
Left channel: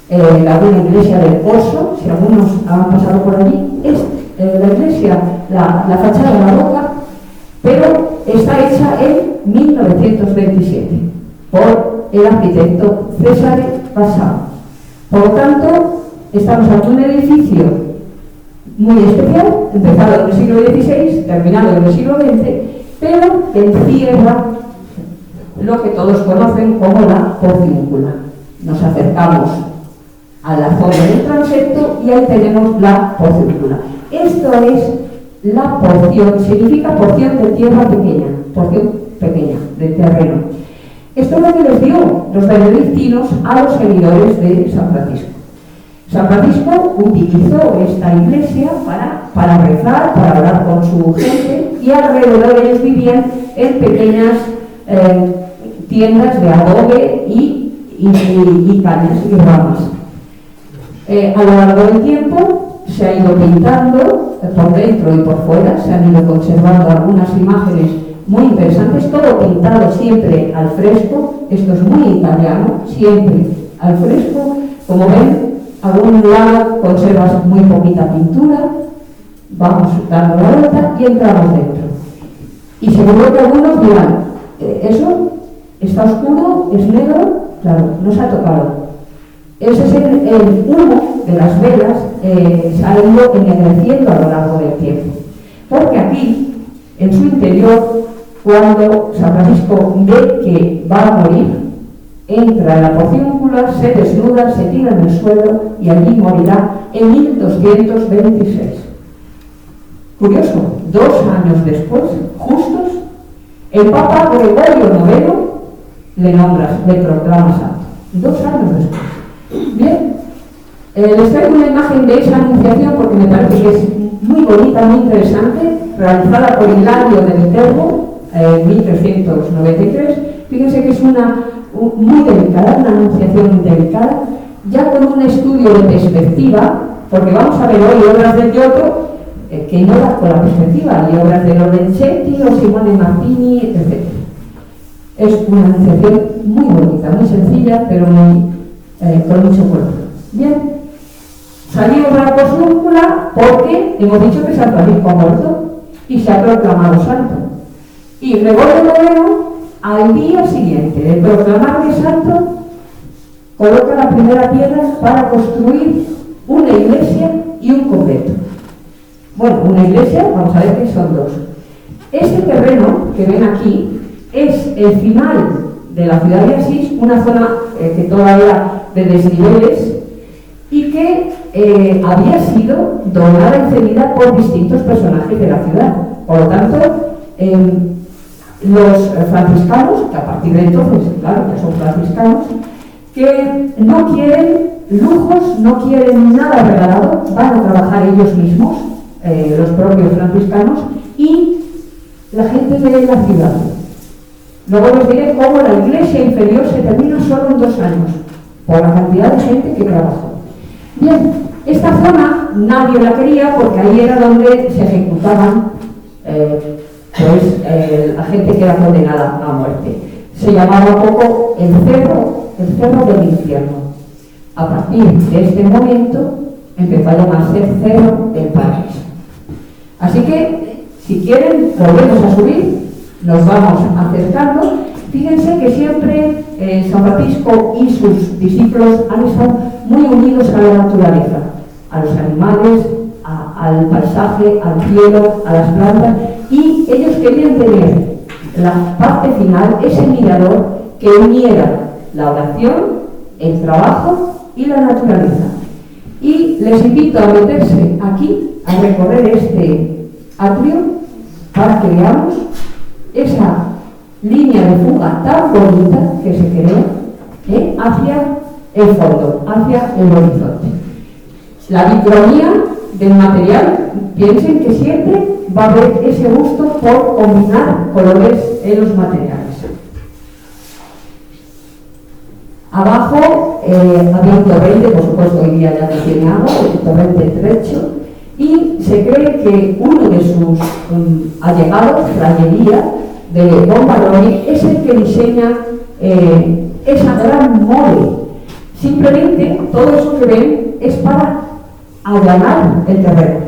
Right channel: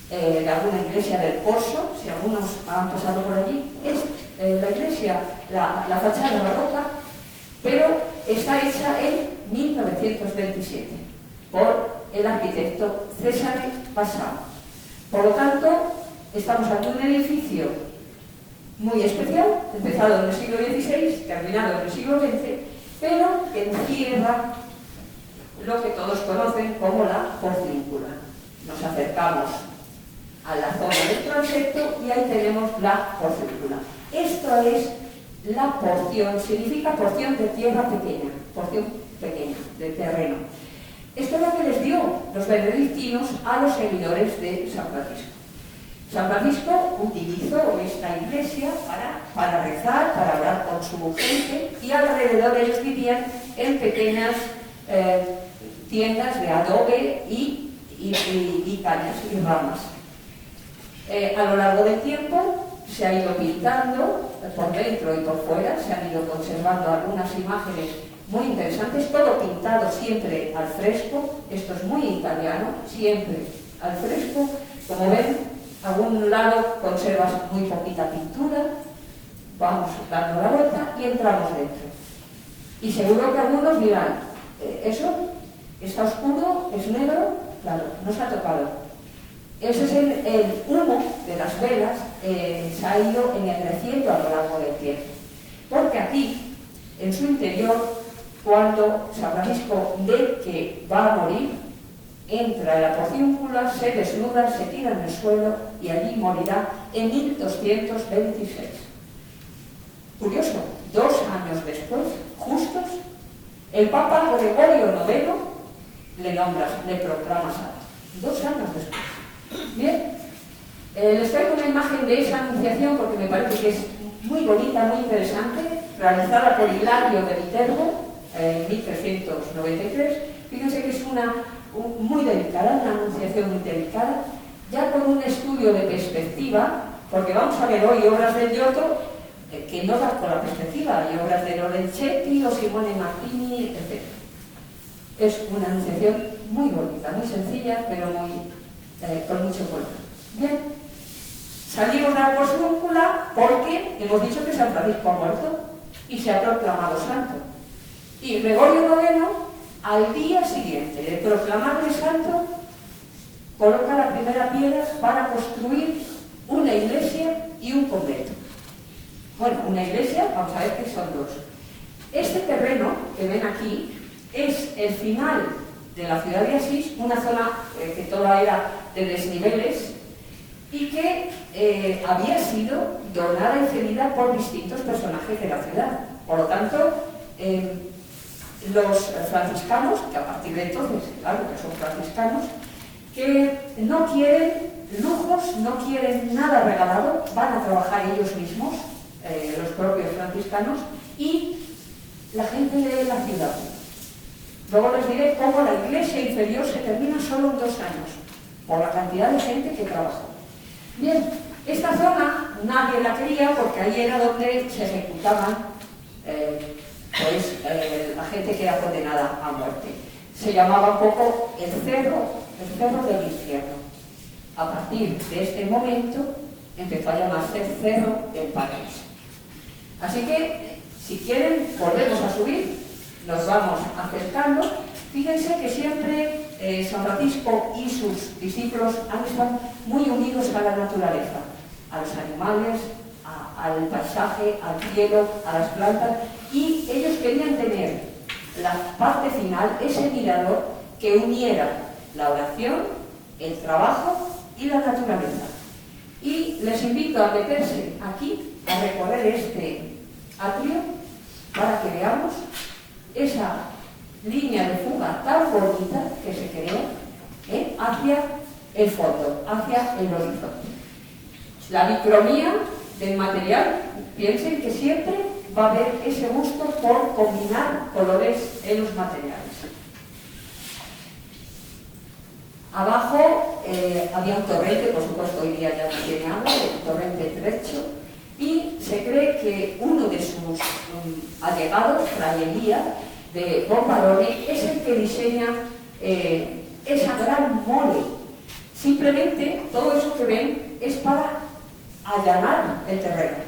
la iglesia del Pozo, si algunos han pasado por allí, es la iglesia, la la fachada barroca, pero está hecha en 1927 por el arquitecto César Passau. Por lo tanto, estamos ante un edificio muy especial, empezado en el siglo XVI, terminado en el siglo XX, pero que encierra lo que todos conocen como la porcíncula. Nos acercamos a la zona del transepto y ahí tenemos la porcíncula. Esto es la porción, significa porción de tierra pequeña, porción pequeña de terreno. Esto es lo que les dio los benedictinos a los seguidores de San Francisco. San Francisco utilizó esta iglesia para rezar, para hablar con su gente, y alrededor ellos vivían en pequeñas tiendas de adobe y cañas y ramas. A lo largo del tiempo se ha ido pintando por dentro y por fuera, se han ido conservando algunas imágenes muy interesantes, todo pintado siempre al fresco. Esto es muy italiano, siempre al fresco. Como ven, a algún lado conservas muy poquita pintura, vamos dando la vuelta y entramos dentro. Y seguro que algunos dirán, ¿eso está oscuro? ¿Es negro? Claro, no se ha tocado. Ese es el humo de las velas, se ha ido ennegreciendo a lo largo del tiempo. Porque aquí, en su interior, cuando San Francisco ve que va a morir, entra en la porcíncula, se desnuda, se tira en el suelo y allí morirá en 1226. Curioso, 2 años después, justos, el Papa Gregorio IX le proclama santo. 2 años después. Bien, les traigo una imagen de esa anunciación porque me parece que es muy bonita, muy interesante, realizada por Hilario de Viterbo en 1393. Fíjense que es muy delicada, una anunciación muy delicada, ya con un estudio de perspectiva, porque vamos a ver hoy obras del Giotto que no dan con la perspectiva, y obras de Lorenzetti o Simone Martini, etc. Es una anunciación muy bonita, muy sencilla, pero con mucho color. Bien, salimos de la porcíncula porque hemos dicho que San Francisco ha muerto y se ha proclamado santo. Y Gregorio IX, al día siguiente de proclamarle santo, coloca la primera piedra para construir una iglesia y un convento. Bueno, una iglesia, vamos a ver que son 2. Este terreno que ven aquí es el final de la ciudad de Asís, una zona que toda era de desniveles y que había sido donada y cedida por distintos personajes de la ciudad. Por lo tanto, los franciscanos, que a partir de entonces, claro, que son franciscanos, que no quieren lujos, no quieren nada regalado, van a trabajar ellos mismos, los propios franciscanos, y la gente de la ciudad. Luego les diré cómo la iglesia inferior se termina solo en 2 años, por la cantidad de gente que trabajó. Bien, esta zona nadie la quería porque ahí era donde se ejecutaban la gente que era condenada a muerte. Se llamaba un poco el cerro del infierno. A partir de este momento empezó a llamarse Cerro del Paraíso. Así que, si quieren, volvemos a subir, nos vamos acercando. Fíjense que siempre San Francisco y sus discípulos han estado muy unidos a la naturaleza, a los animales, al paisaje, al cielo, a las plantas, y ellos querían tener la parte final, ese mirador que uniera la oración, el trabajo y la naturaleza. Y les invito a meterse aquí, a recorrer este atrio, para que veamos esa línea de fuga tan bonita que se creó hacia el fondo, hacia el horizonte. La bicromía del material, piensen que siempre va a haber ese gusto por combinar colores en los materiales. Abajo había un torrente, por supuesto hoy día ya no tiene agua, el torrente Treccio, y se cree que uno de sus allegados, Frayería, de Bombaroni, es el que diseña esa gran mole. Simplemente todo eso que ven es para allanar el terreno.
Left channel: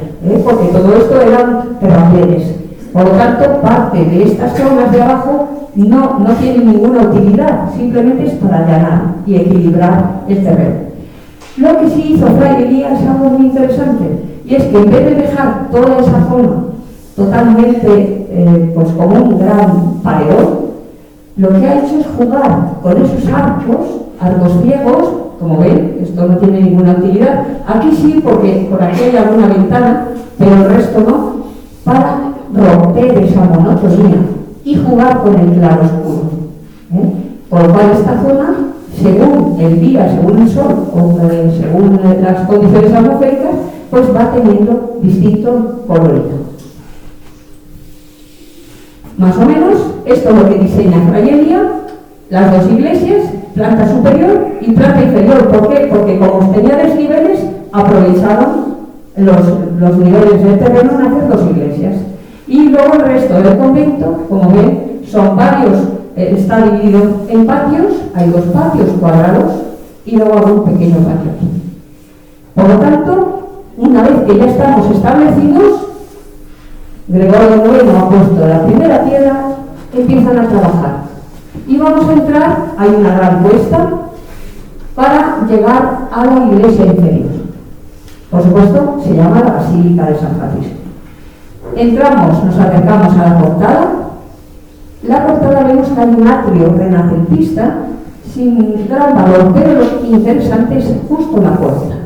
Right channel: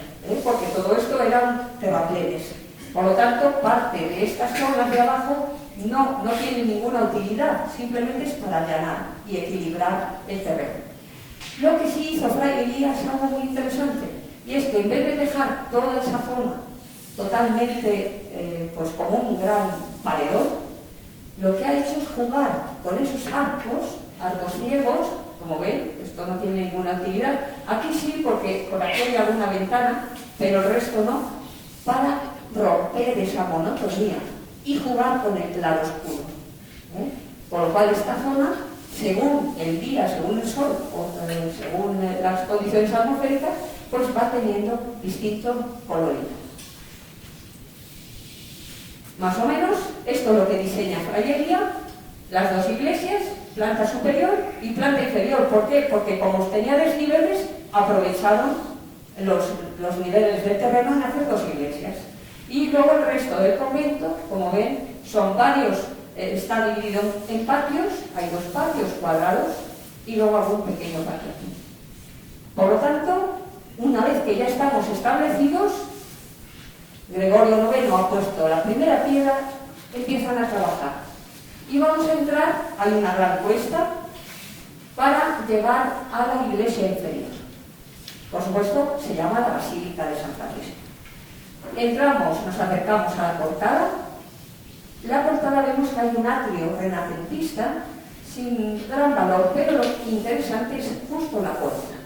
porque todo esto eran terraplenes. Por lo tanto, parte de estas zonas de abajo no tienen ninguna utilidad, simplemente es para allanar y equilibrar el terreno. Lo que sí hizo Fray Elías es algo muy interesante, y es que en vez de dejar toda esa zona totalmente pues como un gran paredón, lo que ha hecho es jugar con esos arcos ciegos. Como ven, esto no tiene ninguna utilidad. Aquí sí, porque por aquí hay alguna ventana, pero el resto no, para romper esa monotonía y jugar con el claroscuro. Por lo cual esta zona, según el día, según el sol, según las condiciones atmosféricas, pues va teniendo distintos coloritos. Más o menos, esto es lo que diseña Fray Elías, las dos iglesias, planta superior y planta inferior. ¿Por qué? Porque como tenía desniveles, aprovecharon los niveles del terreno en hacer dos iglesias. Y luego el resto del convento, como ven, son varios, está dividido en patios, hay dos patios cuadrados y luego algún pequeño patio aquí. Por lo tanto, una vez que ya estamos establecidos, Gregorio IX ha puesto la primera piedra, empiezan a trabajar. Y vamos a entrar, hay una gran cuesta, para llegar a la iglesia inferior. Por supuesto, se llama la Basílica de San Francisco. Entramos, nos acercamos a la portada. La portada vemos que hay un atrio renacentista sin gran valor, pero lo interesante es justo la puerta.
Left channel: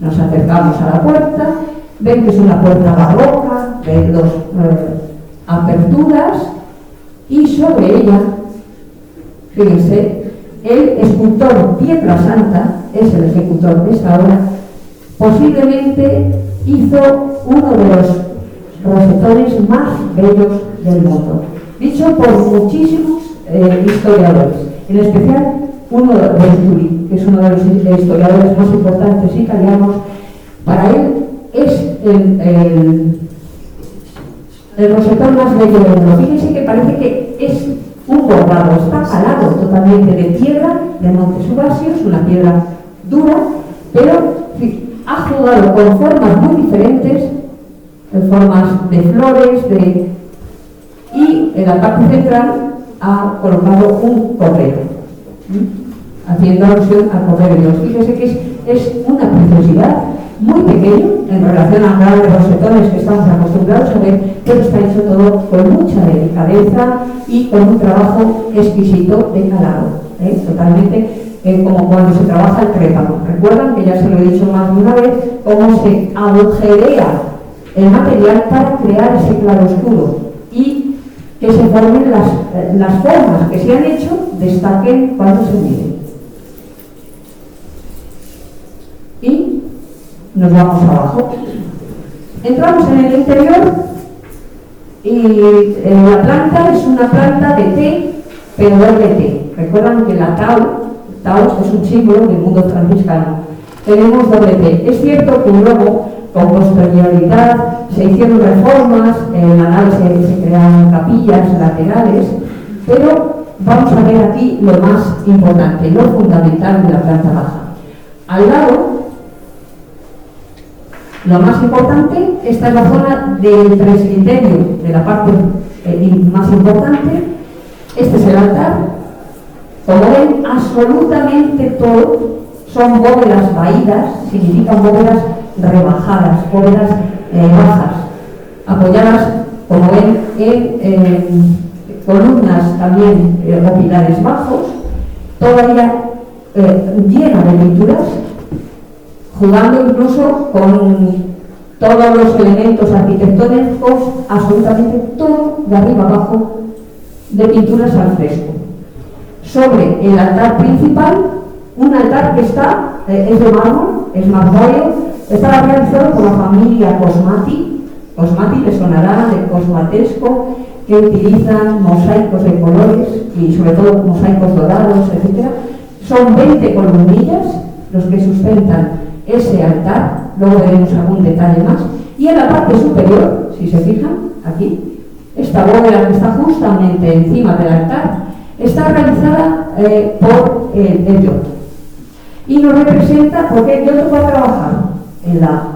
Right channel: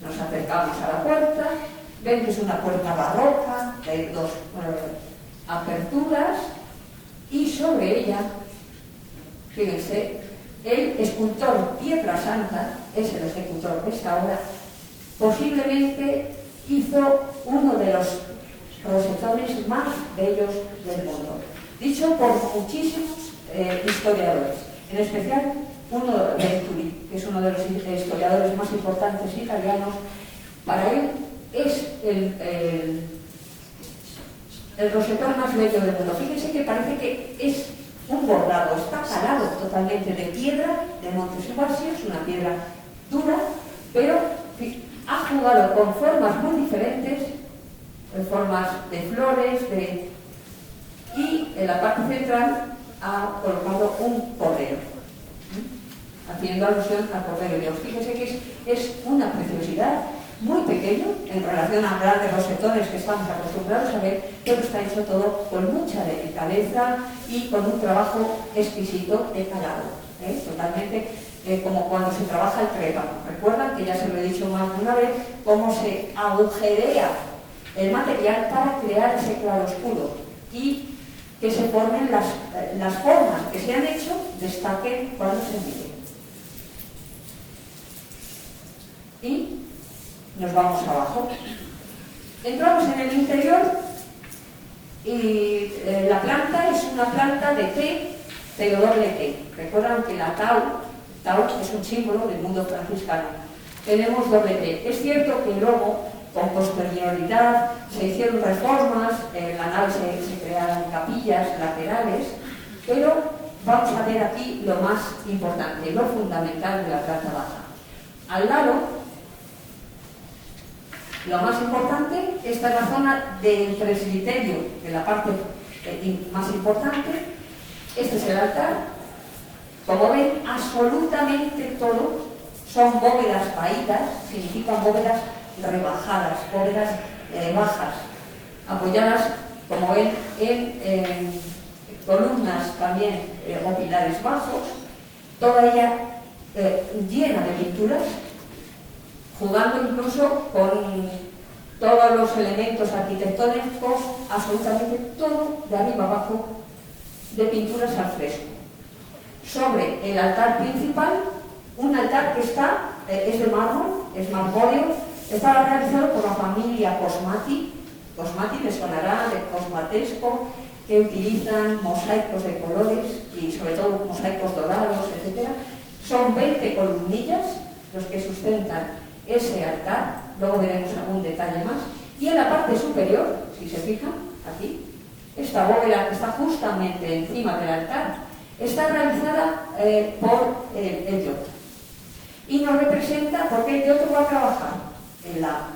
Nos acercamos a la puerta, ven que es una puerta barroca, de dos aperturas, y sobre ella, fíjense, el escultor Pietrasanta, es el ejecutor de esta obra, posiblemente hizo uno de los rosetones más bellos del mundo, dicho por muchísimos historiadores, en especial uno de Venturi, que es uno de los historiadores más importantes italianos. Para él es el rosetón más bello del mundo. Fíjense que parece que es un bordado, está calado totalmente de piedra de Monte Subasio, es una piedra dura, pero ha jugado con formas muy diferentes, formas de flores, y en la parte central ha colocado un cordero, haciendo alusión al cordero de Dios. Fíjense que es una preciosidad, muy pequeño en relación a grandes rosetones que estamos acostumbrados a ver, pero está hecho todo con mucha delicadeza y con un trabajo exquisito de calado, totalmente como cuando se trabaja el crépano. Recuerdan que ya se lo he dicho más de una vez, cómo se agujerea el material para crear ese claroscuro y que se formen las formas que se han hecho, destaquen cuando se miden. Y nos vamos abajo. Entramos en el interior y la planta es una planta de té, pero doble T. Recuerdan que la Tau es un símbolo del mundo franciscano. Tenemos doble T. Es cierto que luego, con posterioridad, se hicieron reformas, en la nave se crearon capillas laterales, pero vamos a ver aquí lo más importante, lo fundamental de la planta baja. Al lado, lo más importante, esta es la zona del presbiterio, de la parte más importante. Este es el altar. Como ven, absolutamente todo son bóvedas vaídas, significan bóvedas rebajadas, bóvedas bajas, apoyadas, como ven, en columnas también o pilares bajos, todavía llena de pinturas, jugando incluso con todos los elementos arquitectónicos, absolutamente todo de arriba abajo, de pinturas al fresco. Sobre el altar principal, un altar que está, es de mármol, es marmóreo, está realizado por la familia Cosmati. Cosmati le sonará de cosmatesco, que utilizan mosaicos de colores y sobre todo mosaicos dorados, etc. Son 20 columnillas los que sustentan ese altar, luego veremos algún detalle más. Y en la parte superior, si se fijan, aquí, esta bóveda que está justamente encima del altar, está realizada por el Giotto. Y nos representa, porque el Giotto va a trabajar en la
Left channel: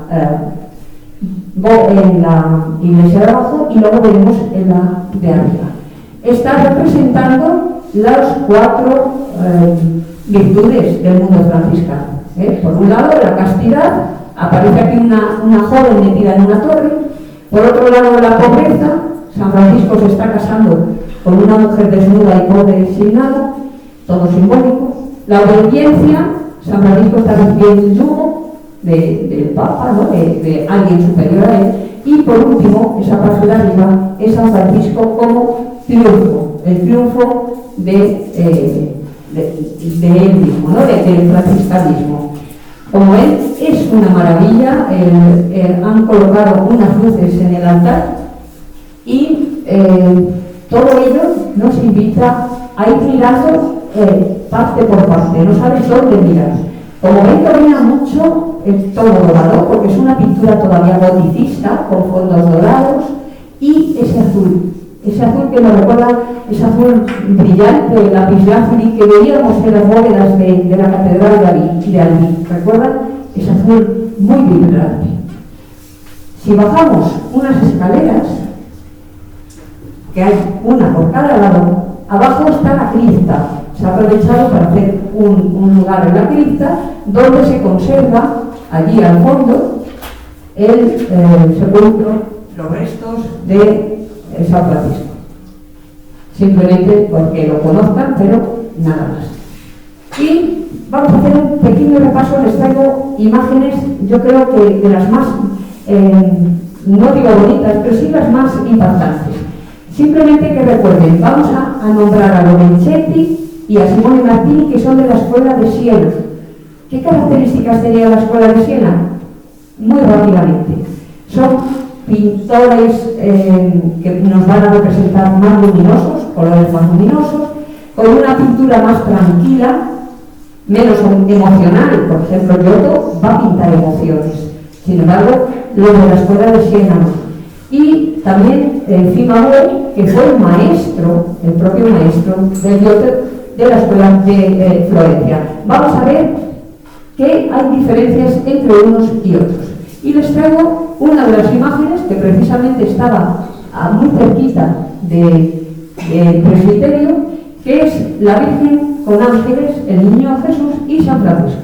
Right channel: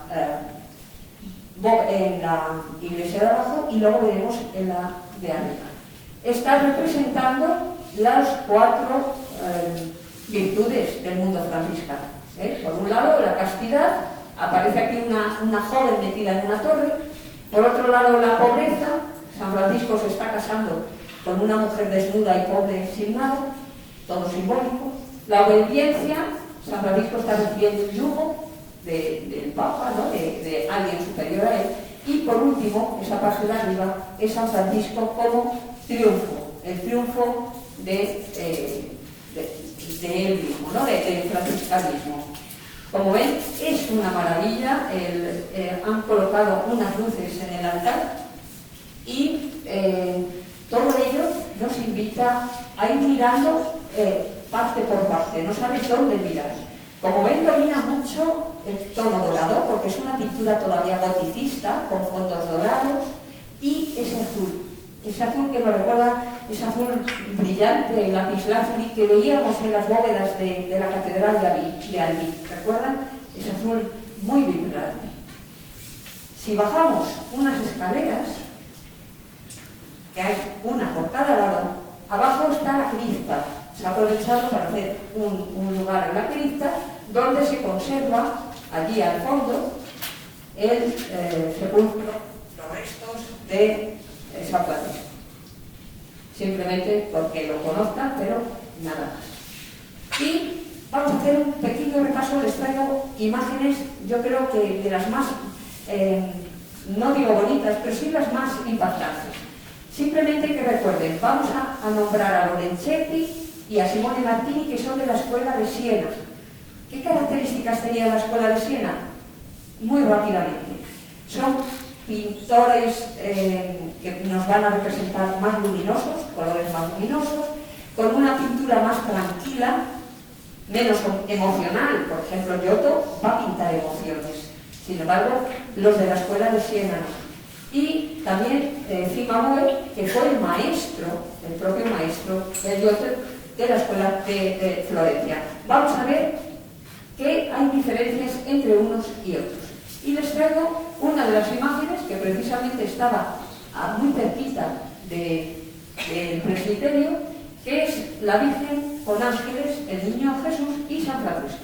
en la iglesia de abajo y luego veremos en la de arriba. Está representando las 4 virtudes del mundo franciscano. Por un lado, la castidad, aparece aquí una joven metida en una torre. Por otro lado, la pobreza, San Francisco se está casando con una mujer desnuda y pobre y sin nada, todo simbólico. La obediencia, San Francisco está recibiendo el yugo del Papa, ¿no? de alguien superior a él. Y por último, esa parte de arriba, es San Francisco como triunfo, el triunfo de él mismo, ¿no? del franciscanismo. Como ven, es una maravilla. Han colocado unas luces en el altar y todo ello nos invita a ir mirando parte por parte, no sabes dónde mirar. Como ven, domina mucho el tono dorado, porque es una pintura todavía goticista, con fondos dorados, y ese azul que nos recuerda, ese azul brillante, lapislázuli, que veíamos en las bóvedas de la Catedral de Albi. ¿Recuerdan? Ese azul muy vibrante. Si bajamos unas escaleras, que hay una por cada lado, abajo está la cripta. Se ha aprovechado para hacer un lugar en la cripta donde se conserva, allí al fondo, el sepulcro, los restos de San Francisco. Simplemente porque lo conozcan, pero nada más. Y vamos a hacer un pequeño repaso. Les traigo imágenes, yo creo que de las más, no digo bonitas, pero sí las más impactantes. Simplemente que recuerden, vamos a nombrar a Lorenzetti y a Simone Martini, que son de la Escuela de Siena. ¿Qué características tenía la Escuela de Siena? Muy rápidamente. Son pintores que nos van a representar más luminosos, colores más luminosos, con una pintura más tranquila, menos emocional. Por ejemplo, Giotto va a pintar emociones. Sin embargo, los de la Escuela de Siena no. Y también Cimabue, que fue el maestro, el propio maestro de Giotto, de la Escuela de Florencia. Vamos a ver que hay diferencias entre unos y otros. Y les traigo una de las imágenes que precisamente estaba muy cerquita del presbiterio, que es la Virgen con ángeles, el Niño Jesús y San Francisco.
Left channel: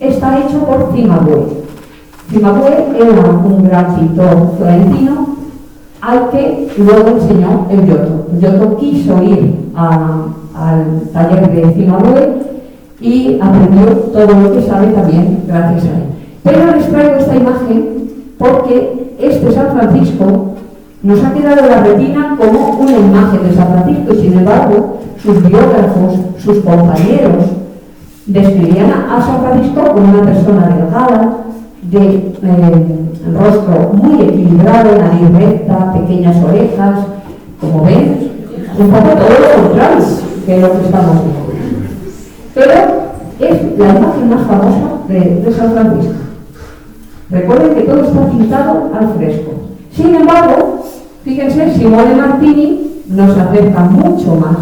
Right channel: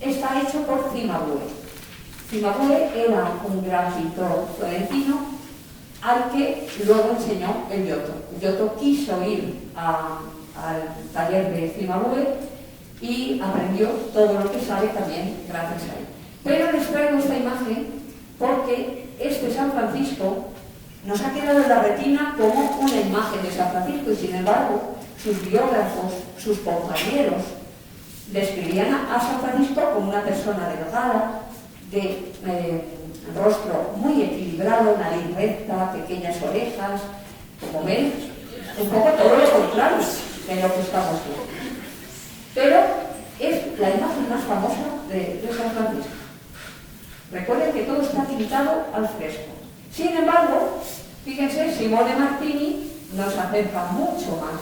Está hecho por Cimabue. Cimabue era un gran pintor florentino al que luego enseñó el Giotto. El Giotto quiso ir al taller de Cimabue y aprendió todo lo que sabe también gracias a él. Pero les traigo esta imagen porque este San Francisco nos ha quedado en la retina como una imagen de San Francisco, y sin embargo sus biógrafos, sus compañeros describían a San Francisco como una persona delgada, de rostro muy equilibrado, nariz recta, pequeñas orejas. Como ven, un poco todo lo contrario que lo que estamos viendo. Pero es la imagen más famosa de San Francisco. Recuerden que todo está pintado al fresco. Sin embargo, fíjense, Simone Martini nos acerca mucho más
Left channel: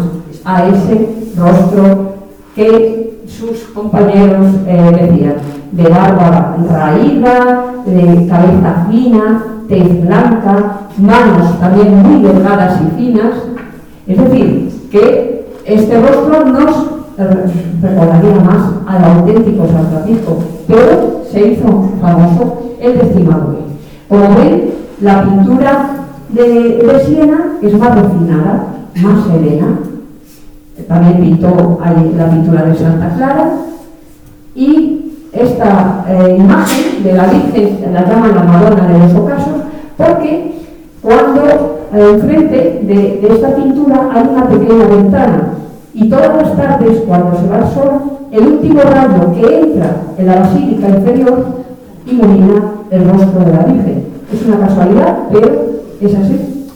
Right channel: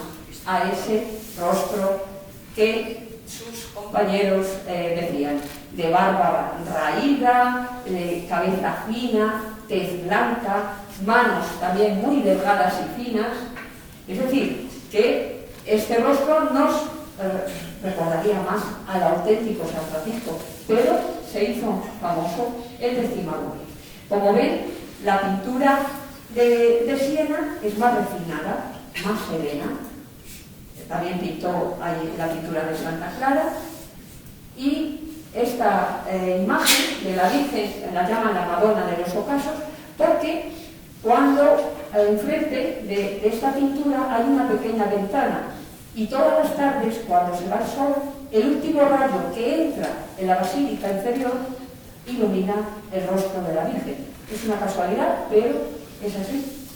a ese rostro que sus compañeros decían, de barba raída, de cabeza fina, tez blanca, manos también muy delgadas y finas. Es decir, que este rostro nos recordaría más al auténtico San Francisco, pero se hizo famoso el de Cimabue. Como ven, la pintura de Siena es más refinada, más serena. También pintó ahí la pintura de Santa Clara, y esta imagen de la Virgen la llaman la Madonna de los Ocasos, porque cuando enfrente de esta pintura hay una pequeña ventana, y todas las tardes, cuando se va el sol, el último rayo que entra en la basílica inferior ilumina el rostro de la Virgen. Es una casualidad, pero es así.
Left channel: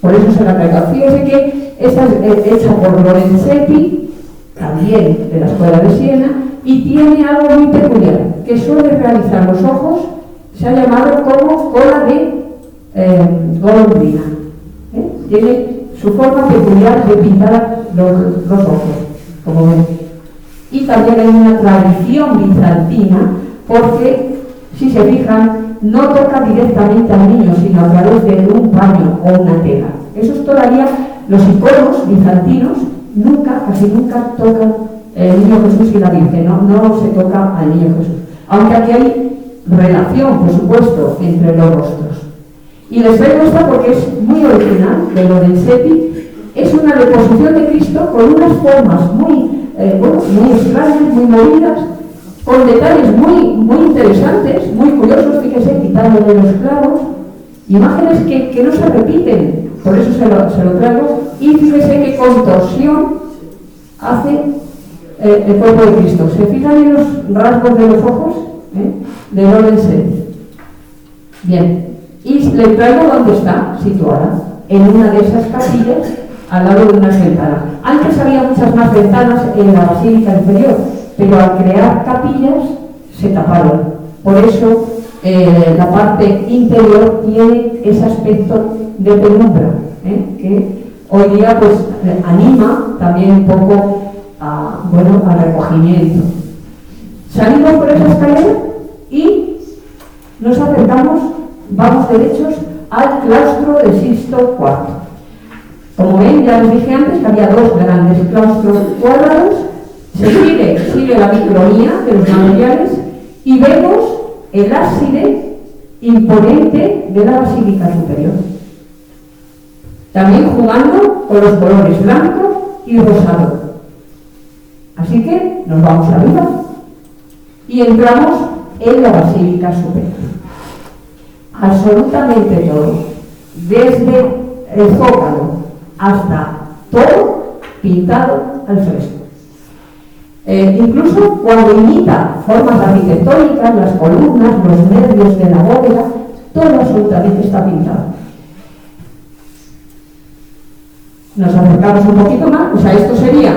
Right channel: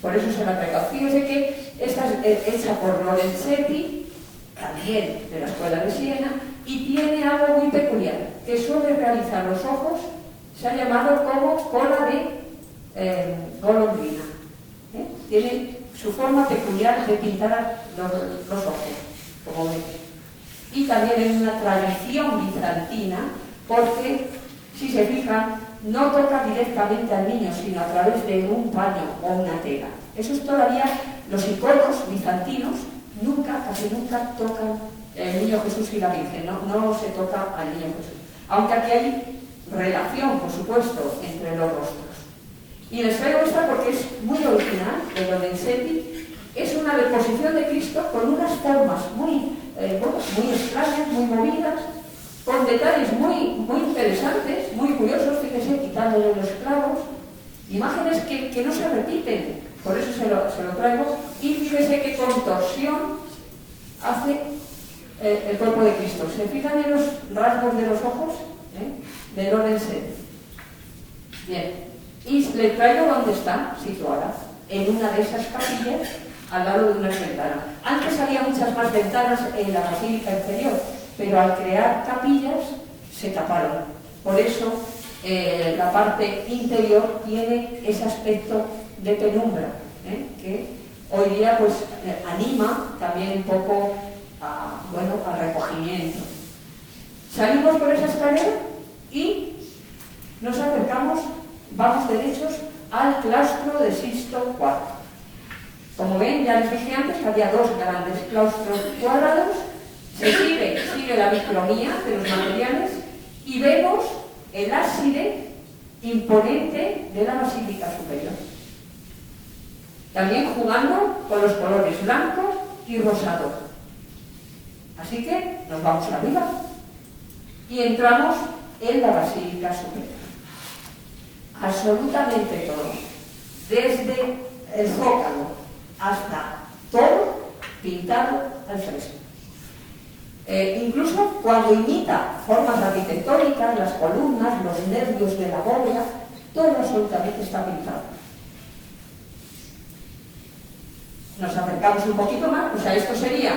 Por eso se la traigo. Fíjense que esta es hecha por Lorenzetti, también de la Escuela de Siena, y tiene algo muy peculiar, que suele realizar los ojos, se ha llamado como cola de golondrina. Tiene su forma peculiar de pintar los ojos, como ven. Y también hay una tradición bizantina, porque si se fijan, no toca directamente al niño, sino a través de un paño o una tela. Esos todavía, los iconos bizantinos, casi nunca tocan el niño Jesús y la Virgen, no se toca al niño Jesús. Aunque aquí hay relación, por supuesto, entre los rostros. Y les traigo esta porque es muy original, de Lorenzetti. Es una deposición de Cristo con unas formas muy extrañas, muy movidas, con detalles muy interesantes, muy curiosos, fíjese, quitándole los clavos, imágenes que no se repiten, por eso se lo traigo, y fíjese qué contorsión hace el cuerpo de Cristo. ¿Se fijan en los rasgos de los ojos? De Lorenzetti. Bien, y le traigo dónde está situada, en una de esas capillas, al lado de unas ventanas. Antes había muchas más ventanas en la basílica inferior, pero al crear capillas se taparon. Por eso la parte interior tiene ese aspecto de penumbra, que hoy día pues anima también un poco al recogimiento. Salimos por esa escalera y nos acercamos, vamos derechos al claustro de Sixto IV. Como ven, ya les dije antes que había dos grandes claustros cuadrados. Se sigue la micronía de los materiales y vemos el ábside imponente de la basílica superior. También jugando con los colores blanco y rosado. Así que nos vamos arriba y entramos en la basílica superior. Absolutamente todo, desde el zócalo hasta todo pintado al fresco. Incluso cuando imita formas arquitectónicas, las columnas, los nervios de la bóveda, todo absolutamente está pintado. Nos acercamos un poquito más, o sea, esto sería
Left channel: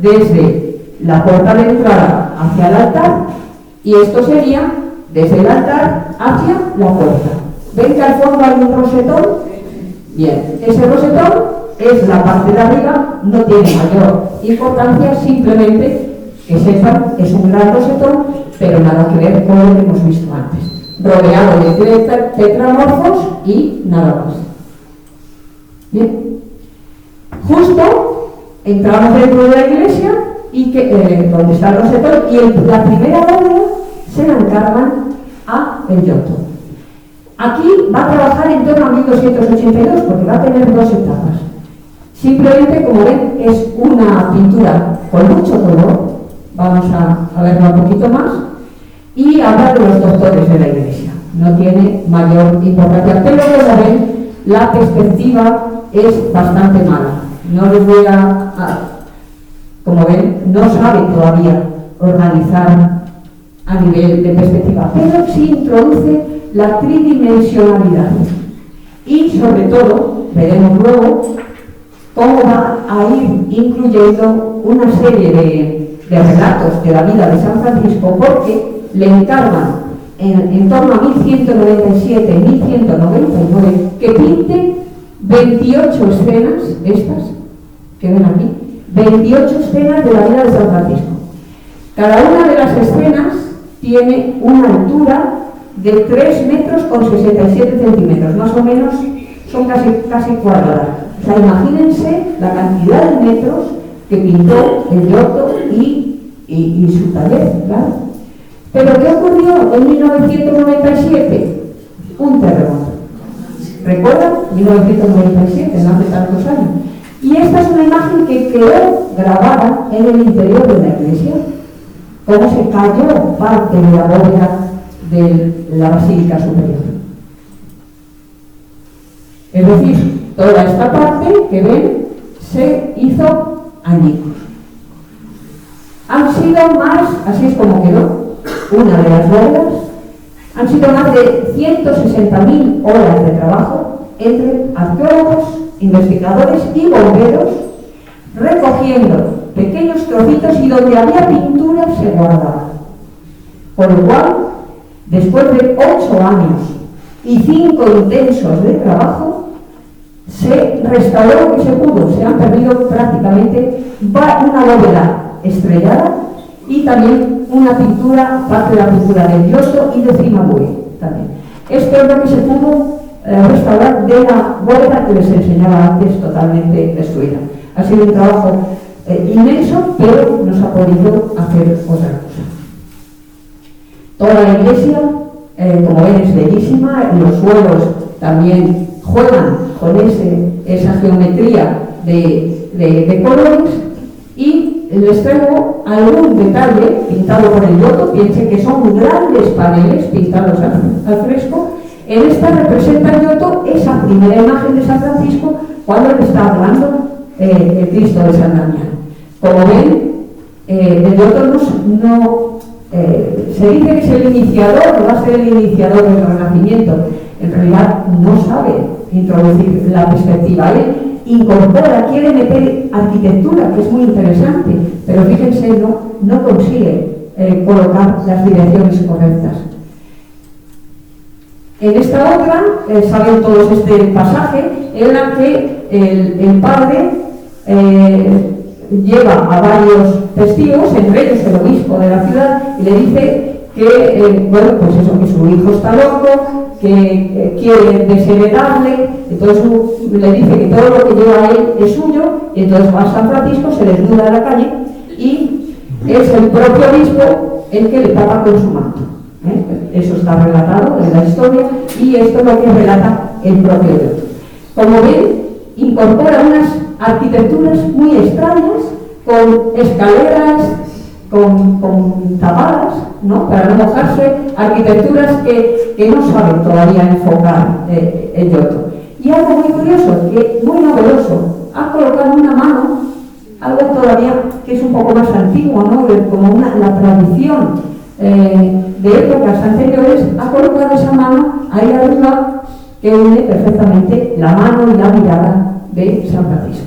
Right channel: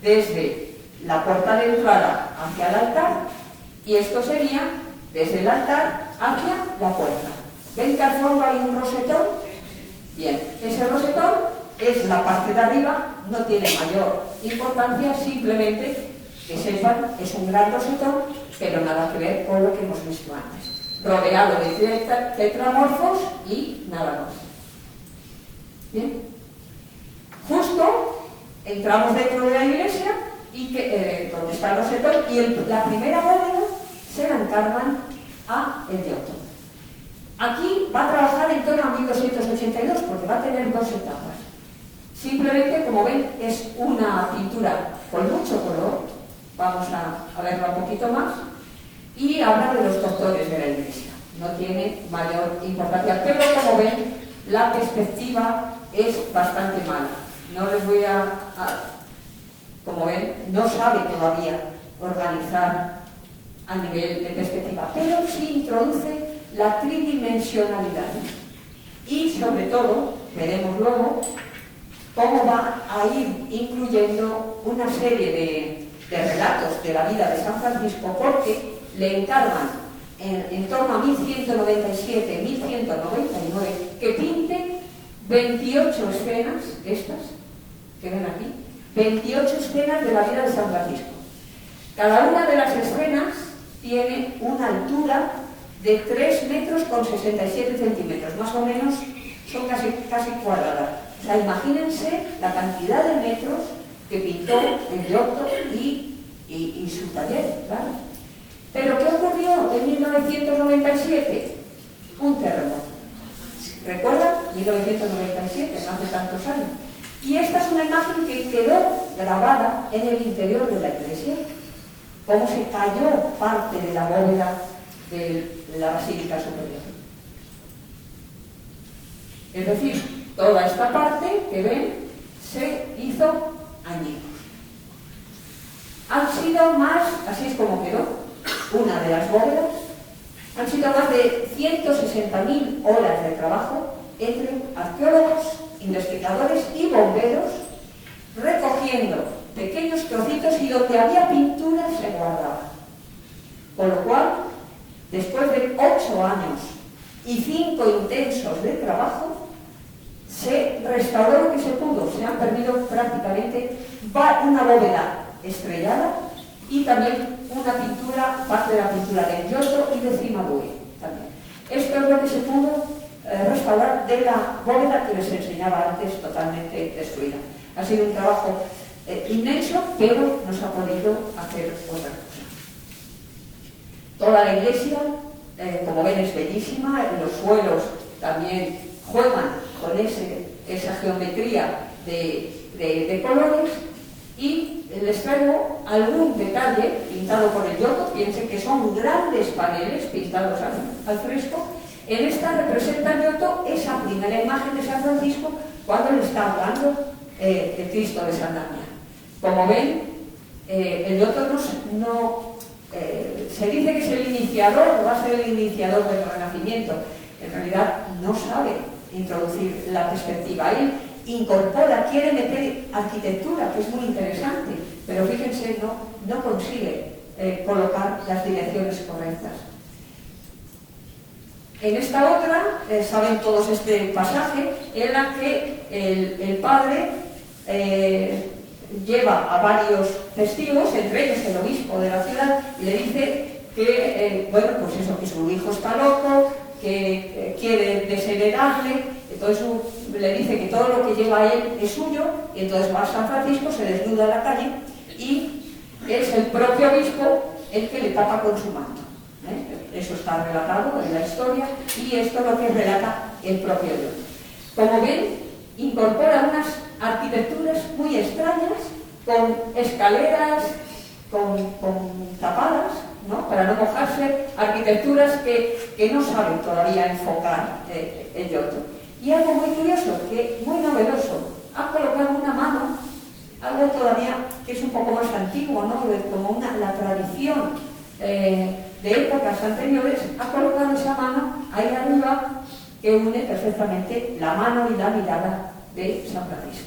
desde la puerta de entrada hacia el altar y esto sería desde el altar hacia la puerta. ¿Ven que al fondo hay un rosetón? Bien, ese rosetón es la parte de arriba, no tiene mayor importancia, simplemente que sepan que es un gran rosetón, pero nada que ver con lo que hemos visto antes. Rodeado de tetramorfos y nada más. Bien. Justo entramos dentro de la iglesia y donde está el rosetón y la primera bóveda se la encargan a el Giotto. Aquí va a trabajar en torno a 1282 porque va a tener dos etapas. Simplemente, como ven, es una pintura con mucho color. Vamos a verlo un poquito más. Y habla de los doctores de la iglesia. No tiene mayor importancia. Pero, como ven, la perspectiva es bastante mala. No les voy como ven, no sabe todavía organizar a nivel de perspectiva. Pero sí introduce la tridimensionalidad. Y, sobre todo, veremos luego cómo va a ir incluyendo una serie de relatos de la vida de San Francisco, porque le encargan en torno a 1197, 1199, que pinte 28 escenas, estas que ven aquí, 28 escenas de la vida de San Francisco. Cada una de las escenas tiene una altura de 3 metros con 67 centímetros, más o menos son casi cuadradas. O sea, imagínense la cantidad de metros que pintó el Giotto y su taller, ¿claro? Pero ¿qué ocurrió en 1997? Un terremoto. ¿Recuerdan? 1997, no hace tantos años. Y esta es una imagen que quedó grabada en el interior de la iglesia, cómo se cayó parte de la bóveda de la basílica superior. Es decir, toda esta parte que ven se hizo añicos. Han sido más, así es como quedó, una de las bóvedas, han sido más de 160.000 horas de trabajo entre arqueólogos, investigadores y bomberos, recogiendo pequeños trocitos y donde había pintura se guardaba. Por lo cual, después de 8 años y 5 intensos de trabajo, se restauró lo que se pudo. Se han perdido prácticamente una bóveda estrellada y también una pintura, parte de la pintura del Giotto y de Cimabue también. Esto es lo que se pudo restaurar de la bóveda que les enseñaba antes, totalmente destruida. Ha sido un trabajo inmenso, pero nos ha podido hacer otra cosa. Toda la iglesia, como ven, es bellísima, los suelos también juegan con esa geometría de colores, y les traigo algún detalle pintado por el Giotto. Piensen que son grandes paneles pintados al fresco. En esta representa el Giotto esa primera imagen de San Francisco cuando le está hablando el Cristo de San Damián. Como ven, el Giotto se dice que es el iniciador, va a ser el iniciador del Renacimiento. En realidad no sabe introducir la perspectiva. Él incorpora, quiere meter arquitectura, que es muy interesante, pero fíjense, no consigue colocar las direcciones correctas. En esta otra, saben todos este pasaje, en la que el padre lleva a varios testigos, entre ellos el obispo de la ciudad, y le dice que, que su hijo está loco, que quiere desheredarle. Entonces le dice que todo lo que lleva a él es suyo, y entonces va a San Francisco, se desnuda en la calle, y es el propio obispo el que le tapa con su manto. Eso está relatado en la historia, y esto es lo que relata el propio Dios. Como ven, incorpora unas arquitecturas muy extrañas, con escaleras, con tapadas, ¿no?, para no mojarse, arquitecturas que no saben todavía enfocar el Giotto. Y algo muy curioso, muy novedoso, ha colocado una mano, algo todavía que es un poco más antiguo, ¿no?, como la tradición de épocas anteriores, ha colocado esa mano ahí arriba, que une perfectamente la mano y la mirada de San Francisco.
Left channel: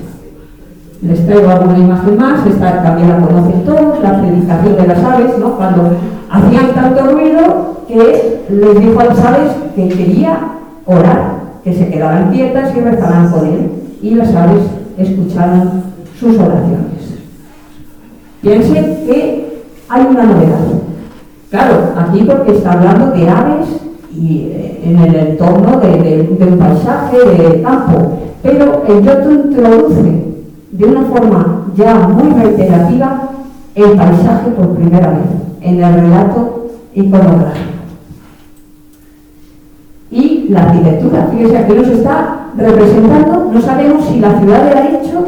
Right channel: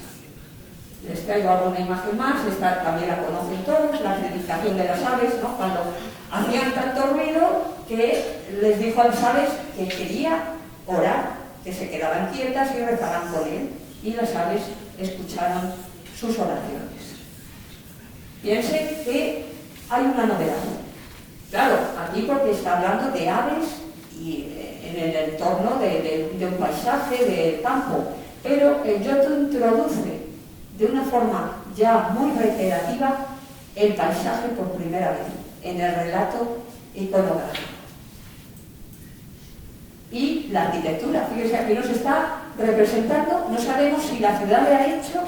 Les traigo alguna imagen más. Esta también la conocen todos, la predicación de las aves, ¿no?, cuando hacían tanto ruido que les dijo a las aves que quería orar, que se quedaran quietas y rezaran con él, y las aves escucharon sus oraciones. Piensen que hay una novedad. Claro, aquí porque está hablando de aves y en el entorno de un paisaje, del campo, pero el Giotto introduce de una forma ya muy reiterativa el paisaje por primera vez en el relato iconográfico. Y la arquitectura, fíjense, aquí nos está representando, no sabemos si la ciudad de Arezzo